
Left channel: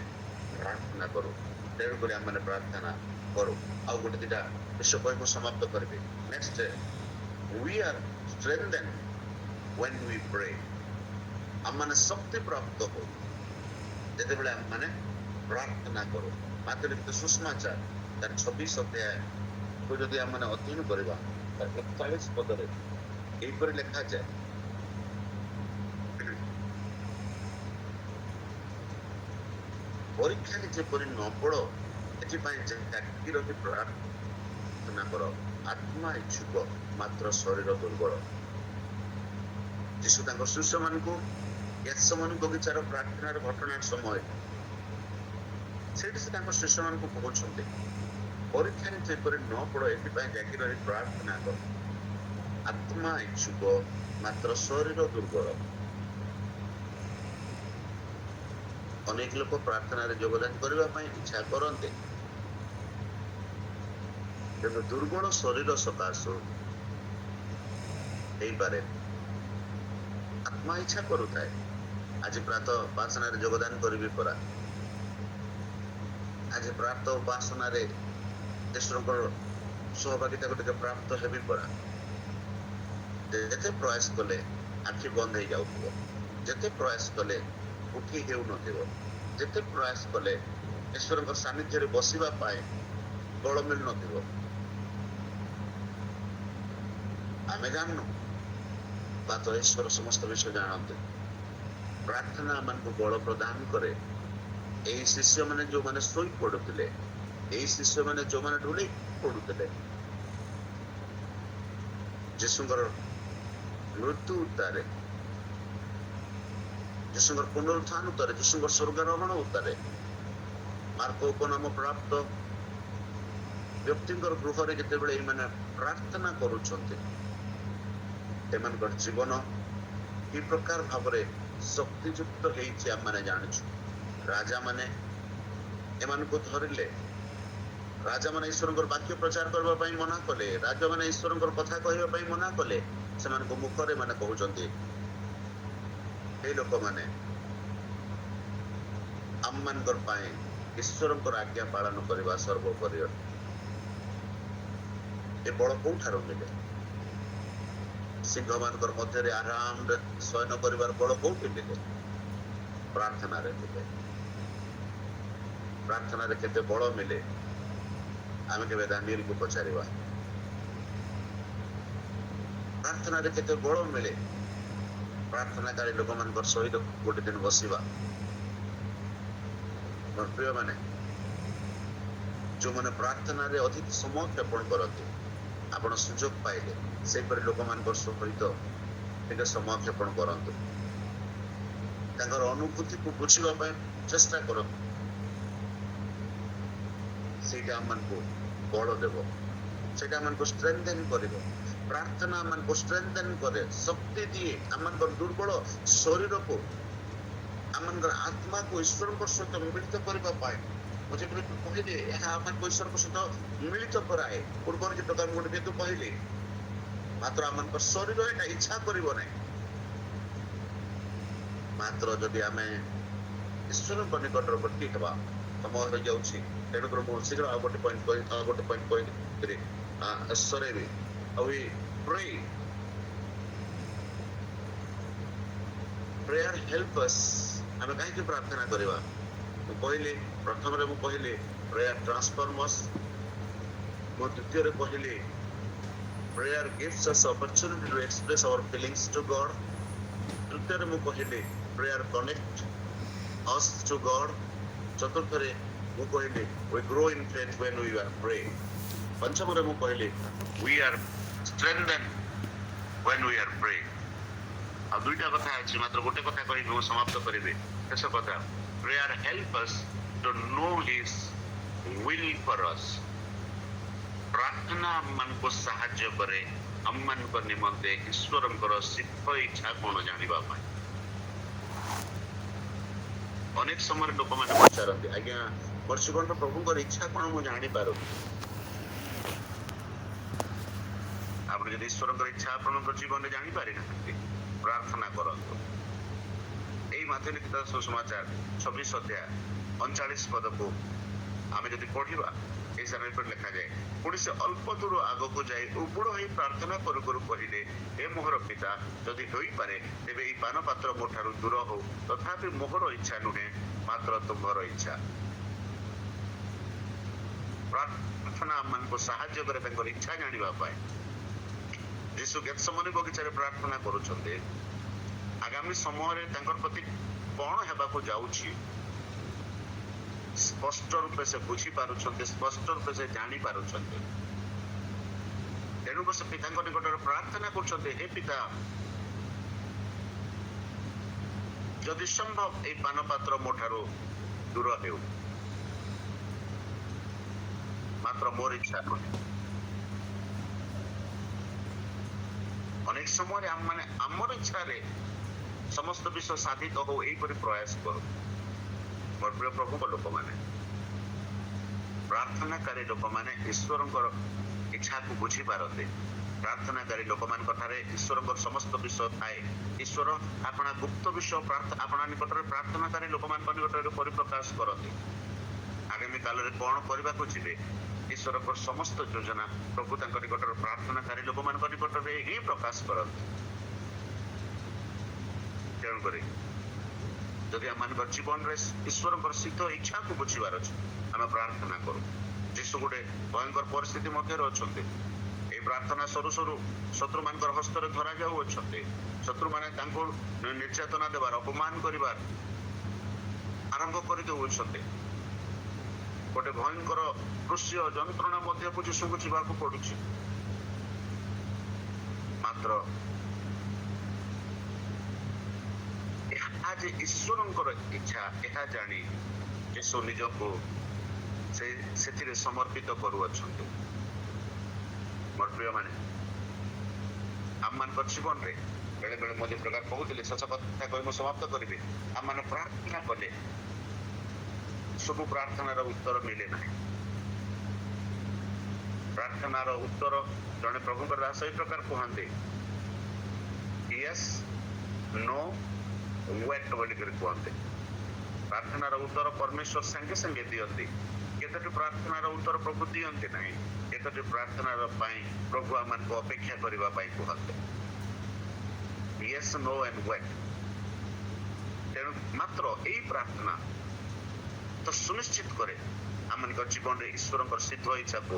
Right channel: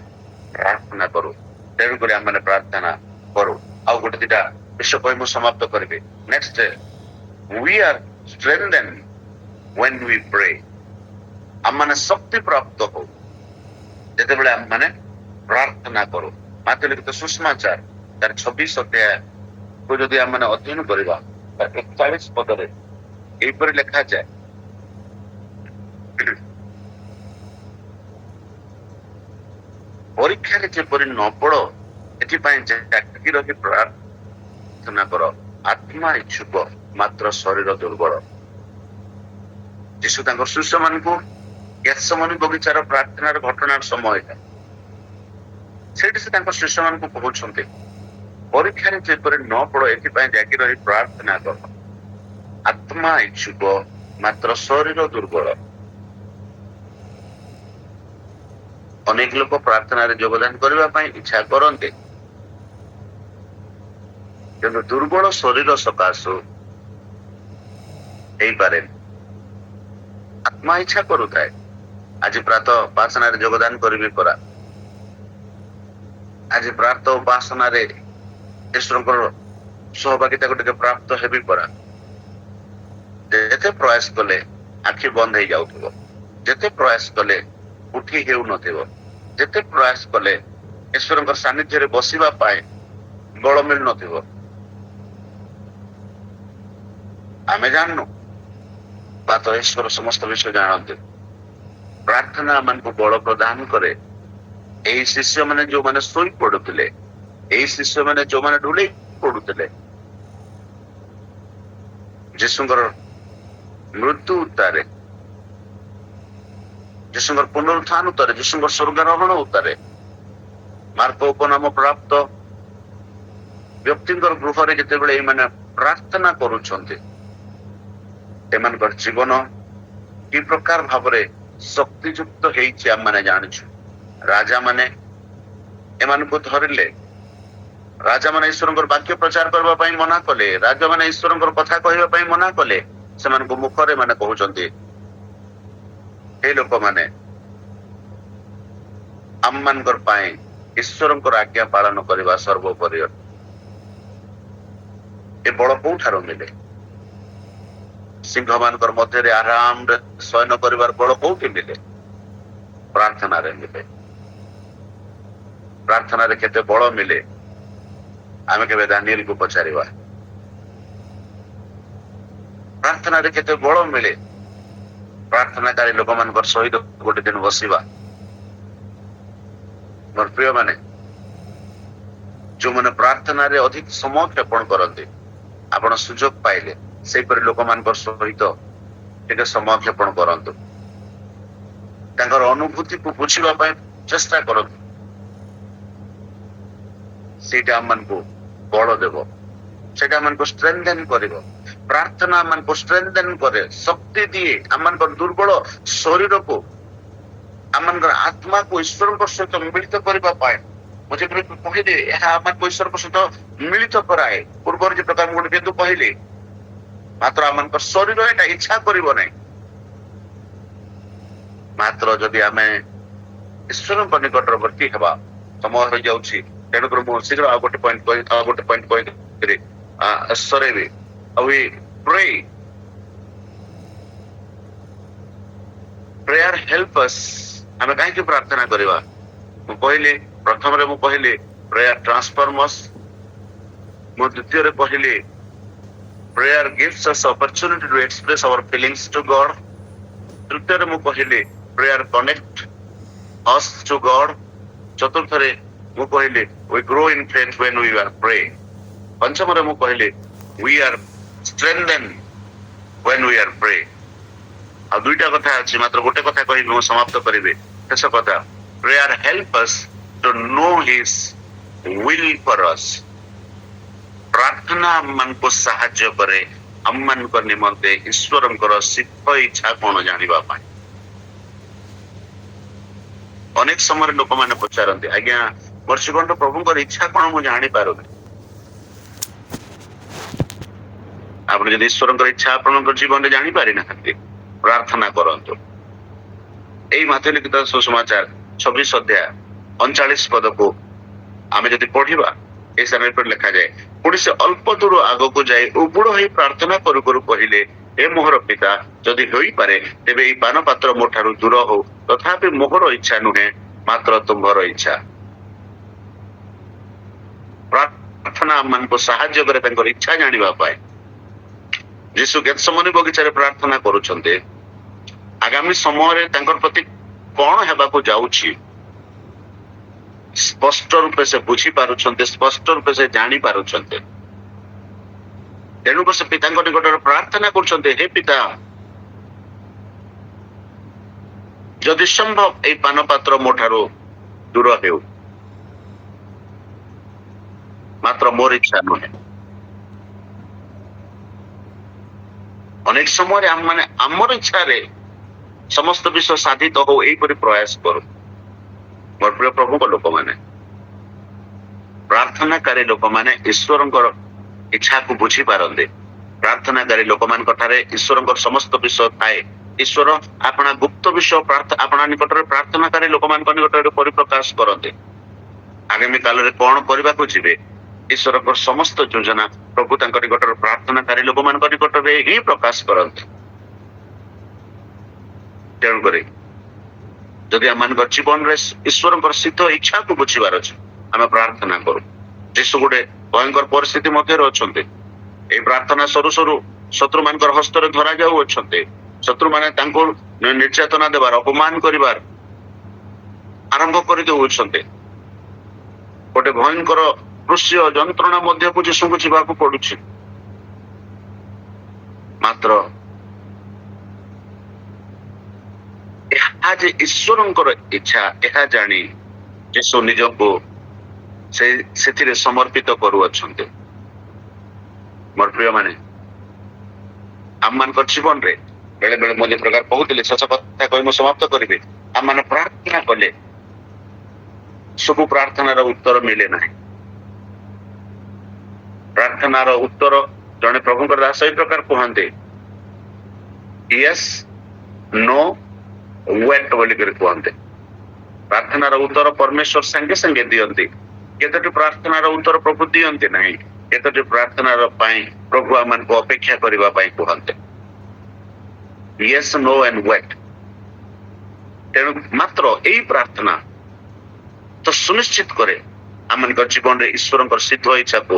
ପ୍ରାର୍ଥନା କରୁ। ତେଣୁକରି ଆମମାନେ ପ୍ରାର୍ଥନା କରୁ। ଆଉ ଗୋଟେ ଦିଟା ବିଷୟ କହି ମୁଁ ସମାପ୍ତ କରିବି। Next, we are strengthened when we pray। ଆମମାନେ ଶକ୍ତି ପ୍ରାପ୍ତ ହଉ ଯେତେବେଳେ ଆମମାନେ ପ୍ରାର୍ଥନା କରୁ। ମାତ୍ର ଲିଖିତ ସୁଷମାଚାର ତାର 26 ଅଧ୍ୟାୟକୁ ଯଦି ଆମମାନେ ଅଧ୍ୟୟନ କରିବା, 41 ପଦରେ ଏହିପରି ଲେଖାଯାଏ, ପରୀକ୍ଷାରେ ଯେପରି ନ ପଡ, ଏଥିପାଇଁ ଜାଗି ରହି ପ୍ରାର୍ଥନା କର। ଆତ୍ମା ଇଚ୍ଛୁକ ମାତ୍ର ଶରୀର ଦୁର୍ବଳ। ଯୀଶୁ ତାଙ୍କ ଶିଷ୍ୟମାନଙ୍କୁ ଗେଥସେମନି ବଗିଚାର ପ୍ରାର୍ଥନାର ଘଟଣାର ସମୟ ଏଇଟା। ସେଇଠି ସେ ତାଙ୍କ ଶିଷ୍ୟମାନଙ୍କୁ କହୁଛନ୍ତି ପରୀକ୍ଷାରେ ଯେପରି ନ ପଡ ଏଥିପାଇଁ ଜାଗି ରହି ପ୍ରାର୍ଥନା କର। ଆତ୍ମା ଇଚ୍ଛୁକ ମାତ୍ର ଶରୀର ଦୁର୍ବଳ। ଅନେକ ଲୋକ ପ୍ରାର୍ଥନାରେ ଯୋଗଦାନ କରିବା ପାଇଁ ଇଚ୍ଛା କରନ୍ତି, କିନ୍ତୁ ଦୁର୍ବଳ ଶରୀର ସକାଶୁ ହେଇପାରେନି। ଆତ୍ମା ଇଚ୍ଛା କରୁଥାଏ ଆଜି ପ୍ରାତଃ ଉପାସନାରେ ଯୋଗଦାନ କରିବି ପରା, ଆଜି ପ୍ରାତଃ ଉପାସନାରେ ଈଶ୍ୱରଙ୍କର ସହଭାଗିତାକୁ ଟିକେ ପ୍ରାପ୍ତ ହେବି ପରା। ଯେତେ ପ୍ରୟାସ କଲେ ଆଖି ବନ୍ଦ ହେଇଯାଉଥିବ, ଯେତେ ପ୍ରୟାସ କଲେ ଉଠି ହେଉନଥିବ, ଯେତେ ପ୍ରୟାସ କଲେ ଈଶ୍ୱରଙ୍କ ସାନ୍ନିଧ୍ୟରେ ବସିବା ପାଇଁ ବଳ ମିଳୁନଥିବ। ଆମେ ଜାଣିନୁ, ମାତ୍ର ଈଶ୍ୱର ସମସ୍ତ ବିଷୟ ଜାଣନ୍ତି। ପ୍ରାର୍ଥନା ଆମକୁ ବଳ ପ୍ରଦାନ କରେ। ଏହି ଶିଷ୍ୟମାନେ ଯୋଉମାନେ ଶୋଇ ପଡୁଥିଲେ, ଏହି ଶିଷ୍ୟମାନେ ଯୋଉମାନେ ଢୁଳେଇ ପଡୁଥିଲେ, ଯୀଶୁଙ୍କର ମୃତ୍ୟୁ ଉତ୍ତାରେ, ଯୀଶୁଙ୍କର ପୁନରୁତ୍ଥାନ ଉତ୍ତାରେ, ଯୀଶୁଙ୍କର ସ୍ୱର୍ଗାରୋହଣ ଉତ୍ତାରେ ମାର୍କ ଉପନାମ ପ୍ରାପ୍ତ ବ୍ୟକ୍ତିଙ୍କର ଗୃହରେ ଯେତେବେଳେ ଏମାନେ ପ୍ରାର୍ଥନା କରୁଛନ୍ତି, ଏମାନଙ୍କର ଜୀବନ କି ପ୍ରକାର ଭାବରେ ଶକ୍ତିଯୁକ୍ତ ହେଇଛି ଆମମାନେ ଜାଣିଛୁ। ରାଜାମାନେ ଏମାନଙ୍କୁ ଧରିଲେ, ରାଜାମାନେ ଈଶ୍ୱରଙ୍କର ବାକ୍ୟ ପ୍ରଚାର କରିବା ପାଇଁ ମନା କଲେ, ରାଜାମାନେ ଈଶ୍ୱରଙ୍କର କଥା କହିବା ପାଇଁ ମନା କଲେ। ସେମାନଙ୍କ ମୁଖରେ ମାନେ କହୁଛନ୍ତି ଏ ଲୋକମାନେ ଆମମାନଙ୍କର ପାଇଁ ଈଶ୍ୱରଙ୍କର ଆଜ୍ଞା ପାଳନ କରିବା ସର୍ବୋପରି। ଏ ବଳ କୋଉଠାରୁ ମିଳେ? ସିଂହମାନଙ୍କର ମଧ୍ୟରେ ଆରାମରେ ଶୟନ କରିବାର ବଳ କୋଉଠି ମିଳେ? ପ୍ରାର୍ଥନାରେ ମିଳେ। ପ୍ରାର୍ଥନାରେ କେତେ ବଳ ମିଳେ ଆମେ କେବେ ଦାନିଏଲକୁ ପଚାରିବା। ପ୍ରାର୍ଥନାରେ କେତେ ବଳ ମିଳେ ପ୍ରାର୍ଥନାକାରୀ ଲୋକମାନଙ୍କର ସହିତ ଗୋଟେ ଦିନ ବସିବା। ମୋର ପ୍ରିୟ ମାନେ, ଯୋଉମାନେ ପ୍ରାର୍ଥନାରେ ଅଧିକ ସମୟ କ୍ଷେପଣ କରନ୍ତି, ଆପଣ ସୁଯୋଗ ପାଇଲେ ସେହିପରି ଲୋକମାନଙ୍କ ସହିତ ଟିକେ ସମୟ କ୍ଷେପଣ କରନ୍ତୁ। ତାଙ୍କର ଅନୁଭୂତିକୁ ବୁଝିବା ପାଇଁ ଚେଷ୍ଟା କରନ୍ତୁ। ସେଇଟା ଆମମାନଙ୍କୁ ବଳ ଦେବ, ସେଇଟା ଆମମାନଙ୍କୁ ଷ୍ଟ୍ରେନ୍ଥେନ୍ କରିବ। ପ୍ରାର୍ଥନା ଆମମାନଙ୍କୁ ଷ୍ଟ୍ରେନ୍ଥେନ୍ କରେ, ଶକ୍ତି ଦିଏ। ଆମମାନଙ୍କର ଦୁର୍ବଳ ଶରୀରକୁ, ଆମମାନଙ୍କର ଆତ୍ମାକୁ ଈଶ୍ୱରଙ୍କ ସହିତ ମିଳିତ କରିବା ପାଇଁ। ମୁଁ ଯେପରି କହିଲି, ଏହା ଆମମାନଙ୍କୁ ଈଶ୍ୱରଙ୍କ ସହିତ ମିଳିତ କରାଏ। ପୂର୍ବରୁ ଯେ ପ୍ରକାର ମୁଁ ଗୋଟେ ବିନ୍ଦୁ କହିଲି, ମାତ୍ର ଆମମାନଙ୍କର ଶରୀର ଏଟା ଇଚ୍ଛା କରିବ ନାହିଁ। ମାତ୍ର ଯଦି ଆମେ ଈଶ୍ୱରଙ୍କ ନିକଟବର୍ତ୍ତୀ ହେବା, ସମୟ ହୋଇଯାଉଛି, ତେଣୁକରି ମୁଁ ଶୀଘ୍ର ଆଉ ଗୋଟେ point କହିକରି ସରେଇବି। We pray. Prayer help us. ଆମେ କାହିଁକି ପ୍ରାର୍ଥନା କରିବା? ମୁଁ କହିଲି, ପ୍ରଥମରେ ମୁଁ କହିଲି prayer transforms us। ମୁଁ ଦ୍ୱିତୀୟରେ କହିଲି prayer gives us opportunity to express our feelings to God। ତୃତୀୟରେ ମୁଁ କହିଲି prayer connect us to God। ଚତୁର୍ଥରେ ମୁଁ କହିଲି we grow in faith when we are praying। ପଞ୍ଚମରେ ମୁଁ କହିଲି we are strengthened when we are praying। ଆଉ ଦୁଇଟା କଥା ଅଛି, ମାତ୍ର ଗୋଟେ କଥା କହିବି, ମୁଁ ସମାପ୍ତ କରିବି। ଶେଷ କଥା, prayer help us to know his will for us। ପ୍ରାର୍ଥନା ଆମମାନଙ୍କୁ ସାହାଯ୍ୟ କରେ ଆମମାନଙ୍କ ନିମନ୍ତେ ଈଶ୍ୱରଙ୍କର ସିଦ୍ଧ ଇଚ୍ଛା କଣ ଜାଣିବା ପାଇଁ। ଅନେକ ସମୟରେ ଲୋକମାନେ ପଚାରନ୍ତି, ଆଜ୍ଞା ମୋର ଜୀବନର ପ୍ରଭୁଙ୍କର ଇଚ୍ଛା କଣ ମୁଁ ଜାଣିପାରୁନି। ଆପଣ ଯଦି ଈଶ୍ୱରଙ୍କର ଇଚ୍ଛା ଆପଣଙ୍କ ଜୀବନରେ ଜାଣିପାରିନାହାନ୍ତି, ପ୍ରାର୍ଥନା କରନ୍ତୁ। ଏଇ ମାଧ୍ୟ ଲିଖିତ ସୁସମାଚାର 26 ଅଧ୍ୟାୟ 39 ପଦକୁ ଆମେ ଯଦି ପଢିବା, এই ସ୍ଥାନରେ ଲେଖାଯାଏ, ପୁଣି ସେ ଅଳ୍ପ ଦୂର ଆଗକୁ ଯାଇ ଉବୁଡ ହୋଇ ପ୍ରାର୍ଥନା କରୁ କରୁ କହିଲେ, ହେ ମୋହର ପିତା, ଯଦି ହୋଇପାରେ ତେବେ ଏଇ ପାନ ପାତ୍ର ମୋ ଠାରୁ ଦୂର ହଉ, ତଥାପି ମୋହର ଇଚ୍ଛା ନୁହେଁ ମାତ୍ର ତୁମ୍ଭର ଇଚ୍ଛା। ପ୍ରାର୍ଥନା ଆମମାନଙ୍କୁ ସାହାଯ୍ୟ କରେ ତାଙ୍କର ଇଚ୍ଛା ଜାଣିବା ପାଇଁ। ଯୀଶୁ ଗେଥସେମନି ବଗିଚାରେ ପ୍ରାର୍ଥନା କରୁଛନ୍ତି, ଆଗାମୀ ସମୟରେ ତାଙ୍କର ପ୍ରତି କଣ ହେବାକୁ ଯାଉଛି ସ୍ପଷ୍ଟ ରୂପେ ସେ ବୁଝି ପାରୁଛନ୍ତି, ସ୍ପଷ୍ଟ ରୂପେ ସେ ଜାଣି ପାରୁଛନ୍ତି। ତେଣୁକରି ସେ ପିତାଙ୍କ ନିକଟରେ ପ୍ରାର୍ଥନା କରୁଛନ୍ତି, ହେ ପିତା, ଯଦି ସମ୍ଭବ ଏଇ ପାନ ପାତ୍ର ମୋ ଠାରୁ ଦୂର ହେଉ, ମାତ୍ର ମୋର ଇଚ୍ଛା ନୁହେଁ। ଅନେକ ସମୟରେ ଆମମାନେ ଆମର ଇଚ୍ଛାରେ ସମସ୍ତ ବିଷୟ ସାଧିତ ହଉ ଏଇପରି ପ୍ରୟାସ କରୁ। ମୋର ପ୍ରିୟ ପ୍ରଭୁଙ୍କ ଲୋକମାନେ, ପ୍ରାର୍ଥନାକାରୀ ଲୋକମାନେ ଈଶ୍ୱରଙ୍କର ଇଚ୍ଛାକୁ ବୁଝିପାରନ୍ତି। ପ୍ରାର୍ଥନାକାରୀ ଲୋକମାନଙ୍କ ଠାରେ ଈଶ୍ୱରଙ୍କର ସମସ୍ତ ବିଷୟ ଥାଏ। ଈଶ୍ୱର ଆପଣା ଗୁପ୍ତ ବିଷୟ ଆପଣା ନିକଟରେ ପ୍ରାର୍ଥନାକାରୀ ଲୋକମାନଙ୍କ ନିକଟରେ ପରିପ୍ରକାଶ କରନ୍ତି। ଆଗାମୀ କାଳରେ କଣ କରିବାକୁ ଯିବେ, ଈଶ୍ୱରଙ୍କର ସମସ୍ତ ଯୋଜନା ପ୍ରଭୁ ତାଙ୍କ ନିକଟରେ ପ୍ରାର୍ଥନାକାରୀ ଲୋକମାନଙ୍କ ନିକଟରେ ହିଁ ପ୍ରକାଶ କରନ୍ତି। ତେଣୁକରି ଯଦି ଆମମାନଙ୍କ ଜୀବନରେ ଈଶ୍ୱରଙ୍କର ସିଦ୍ଧ ଇଚ୍ଛାକୁ ବୁଝିବାର ଅଛି, ଆମେ ପ୍ରାର୍ଥନା କରୁ। ଯୀଶୁ ଗୋଟେ ଭୟଙ୍କର ପରିସ୍ଥିତି ମଧ୍ୟରେ ଅଛନ୍ତି। ଏଇ ପ୍ରାର୍ଥନା ସରୁ ସରୁ ଶତ୍ରୁମାନଙ୍କର ହସ୍ତରେ ଧରା ଯାଉଅଛନ୍ତି। ଶତ୍ରୁମାନେ ତାଙ୍କୁ ନିର୍ଯାତନା ଦେବାର, ଅପମାନ କରିବାର ଆରମ୍ଭ କରିଦେଉଛନ୍ତି। ଗୋଟେ ଭୟଙ୍କର ଦୃଶ୍ୟ ଯନ୍ତ୍ରଣା ମଧ୍ୟକୁ ଯୀଶୁଙ୍କୁ ଯିବାକୁ ପଡୁଛି। ମାତ୍ର ଏହା ଯେ ଈଶ୍ୱରଙ୍କର ଇଚ୍ଛା, ଏହା ଜାଣି ଯୀଶୁ ନିଜକୁ ସେଥିରେ ସମର୍ପିତ କରୁଅଛନ୍ତି। ମୋର ପ୍ରିୟ ମାନେ, ଆମମାନଙ୍କ ଜୀବନରେ ବେଳେ ବେଳେ ମୁଁ ଯେ ପ୍ରକାର କହୁଥିଲି, ଶେଷ କଥା କହି ମୁଁ ସମାପ୍ତ କରିବି। ଆମମାନେ ପ୍ରାର୍ଥନା କଲେ ସବୁ ପ୍ରାର୍ଥନାର ଉତ୍ତର ମିଳେ ନାହିଁ। ପ୍ରାର୍ଥନାର ଉତ୍ତର ଜଣେ ପ୍ରଭୁଙ୍କର ଦାସ ଏହି ପ୍ରକାର କୁହନ୍ତି, ୟେସ୍ ନୋ ୱେଟ୍ ବୋଲିକରି କୁହନ୍ତି। ପ୍ରାର୍ଥନାର ଉତ୍ତର ପରମେଶ୍ୱର ସାଙ୍ଗେ ସାଙ୍ଗେ ଦିଅନ୍ତି। କେତୋଟି ପ୍ରାର୍ଥନାର ଉତ୍ତର ପ୍ରଭୁ ଦିଅନ୍ତି ନାହିଁ। କେତୋଟି ପ୍ରାର୍ଥନାର ପାଇଁ ପ୍ରଭୁ ଆମମାନଙ୍କୁ ଅପେକ୍ଷା କରିବା ପାଇଁ କୁହନ୍ତି। Yes no and wait. ତେଣୁ ମାତ୍ର ଏଇ ପ୍ରାର୍ଥନା ତ ସୁନିଶ୍ଚିତ କରେ ଆମମାନଙ୍କ ଜୀବନରେ ଈଶ୍ୱରଙ୍କର ସିଦ୍ଧ ଇଚ୍ଛାକୁ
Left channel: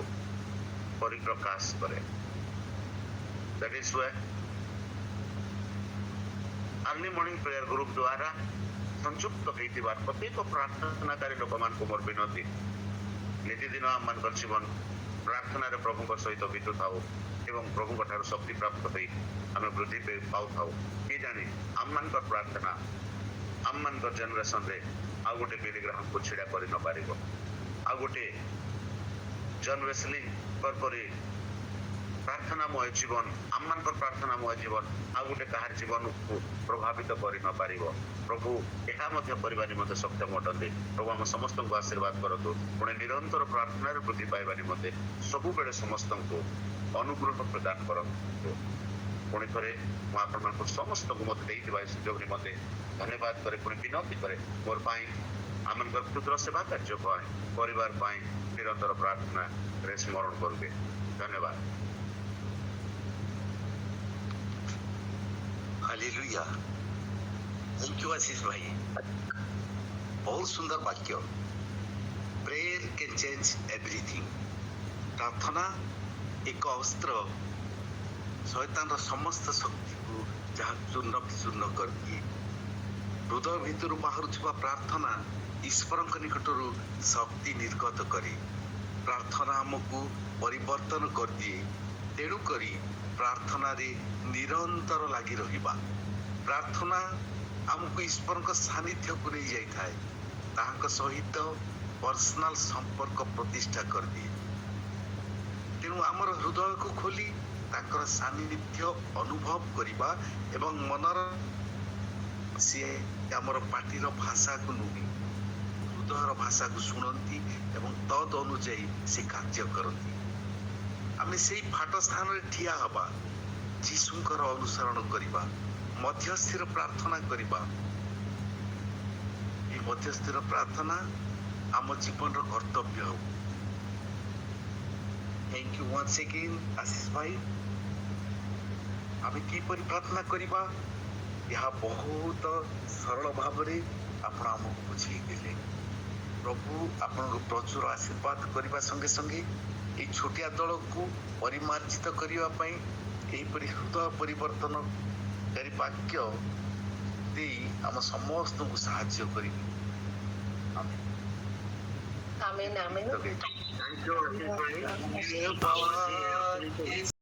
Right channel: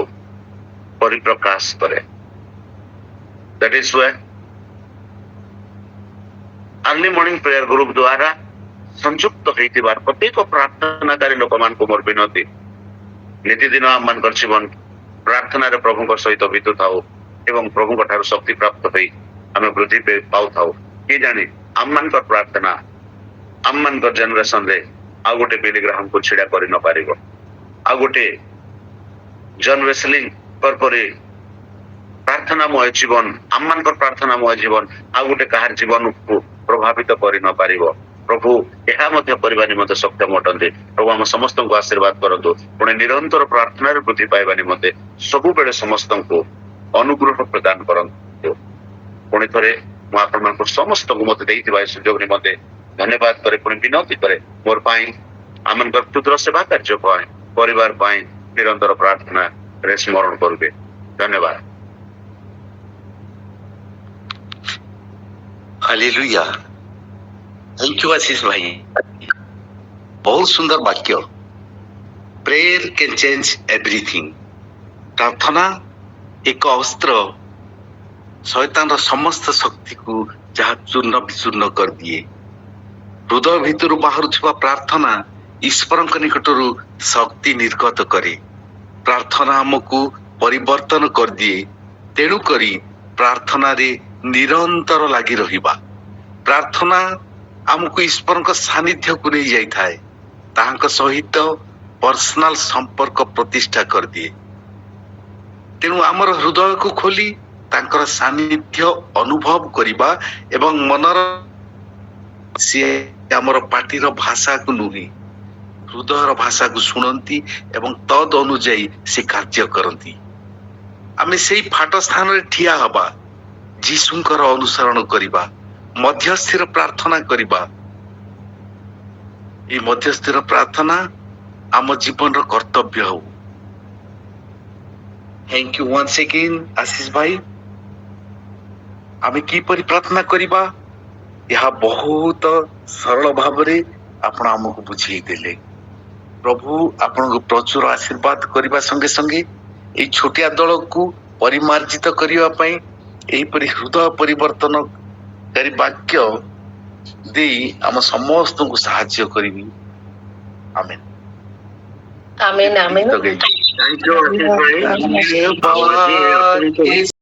ପରିପ୍ରକାଶ କରେ। That is why early morning prayer group द्वारा संयुक्त होइतिबार प्रत्येक प्रार्थनाकारी लोकମାନଙ୍କୁ ମୋର ବିନତି, ନିତିଦିନ ଆମମାନଙ୍କର ଜୀବନ ପ୍ରାର୍ଥନାରେ ପ୍ରଭୁଙ୍କ ସହିତ ବିତୁଥାଉ ଏବଂ ପ୍ରଭୁଙ୍କ ଠାରୁ ଶକ୍ତି ପ୍ରାପ୍ତ ହୋଇ ଆମେ ବୃଦ୍ଧି ପାଉଥାଉ। କିଏ ଜାଣେ ଆମମାନଙ୍କର ପ୍ରାର୍ଥନା ଆମମାନଙ୍କର ଜେନେରେସନରେ ଆଉ ଗୋଟେ ବିଲି ଗ୍ରାହାମକୁ ଛିଡା କରି ନ ପାରିବ। ଆଉ ଗୋଟେ ଜନ୍ ୱେସଲି ପରି ପ୍ରାର୍ଥନାମୟ ଜୀବନ, ଆମମାନଙ୍କର ପ୍ରାର୍ଥନାମୟ ଜୀବନ ଆଉ ଗୋଟେ କାହାର ଜୀବନକୁ ପ୍ରଭାବିତ କରି ନ ପାରିବ। ପ୍ରଭୁ ଏହା ମଧ୍ୟ କରିବା ନିମନ୍ତେ ସକ୍ଷମ ଅଟନ୍ତି। ପ୍ରଭୁ ଆମ ସମସ୍ତଙ୍କୁ ଆଶୀର୍ବାଦ କରନ୍ତୁ। ପୁଣି ନିରନ୍ତର ପ୍ରାର୍ଥନାରେ ବୃଦ୍ଧି ପାଇବା ନିମନ୍ତେ ସବୁବେଳେ ସମସ୍ତଙ୍କୁ ଅନୁଗ୍ରହ ପ୍ରଦାନ କରନ୍ତୁ। ପୁଣି ଥରେ ମୁଁ ଆପଣମାନଙ୍କୁ ସମସ୍ତଙ୍କୁ ମତେ ଦେଇଥିବା ଏ ସୁଯୋଗ ନିମନ୍ତେ ଧନ୍ୟବାଦ କରେ, ପୁଣି ବିନତି କରେ ମୋର ପାଇଁ ଆମମାନଙ୍କର କ୍ଷୁଦ୍ର ସେବା କାର୍ଯ୍ୟ ପାଇଁ ପରିବାର ପାଇଁ ନିରନ୍ତର ପ୍ରାର୍ଥନାରେ ସ୍ମରଣ କରିବେ। ଧନ୍ୟବାଦ। हालेलुया। थैंक यू आशीष भाई, बहुत सुंदर वाक्य। Prayer can change everything. प्रार्थना एक अस्त्र, शैतान समस्त शक्ति को जहाँ चूर्ण विचूर्ण कर दिए। हृदय भितर बाहर प्रार्थना ईश्वर निकटरू शक्ति निर्गत करे। प्रार्थना हमको परिवर्तन कर दिए। तेणु करी प्रार्थना रे निरंतर लगी रहिबा। प्रार्थना हमको ईश्वर सानिध्य को नहीं जाई थाए, तांका सहित पर्सनल संपर्क प्रतिष्ठा कर दिए। तेणु आमर हृदय को खोली तांकर सानिध्य अनुभव करिबा एवं मनर से आमर पाटीर भाषा को नुही हृदयर भाषा को सुनती एवं तद अनुଯାୟୀ से कार्य करती। आमे सेई फाट स्थान रे ठिया हबा, जीशुंकर अनुसरण करिबा, मध्यस्थिर प्रार्थना करिबा। ये मध्यस्थिर प्रार्थना आम जीवन रो कर्तव्य हो। थैंक यू वंस अगेन आशीष भाई। आमे की परि प्रार्थना करिबा यह बहुत सरल भाव रे आपण हमको बुझेई देले। प्रभु आपण को प्रचुर आशीर्वाद करिबा संगे संगे ए छोटिया दल को परिमार्जित करिबा पई एपरि हृदय परिवर्तन करी वाक्य दे आम समस्त को साहाय्य करिबी। आमेन आमेन आमेन। Thank you.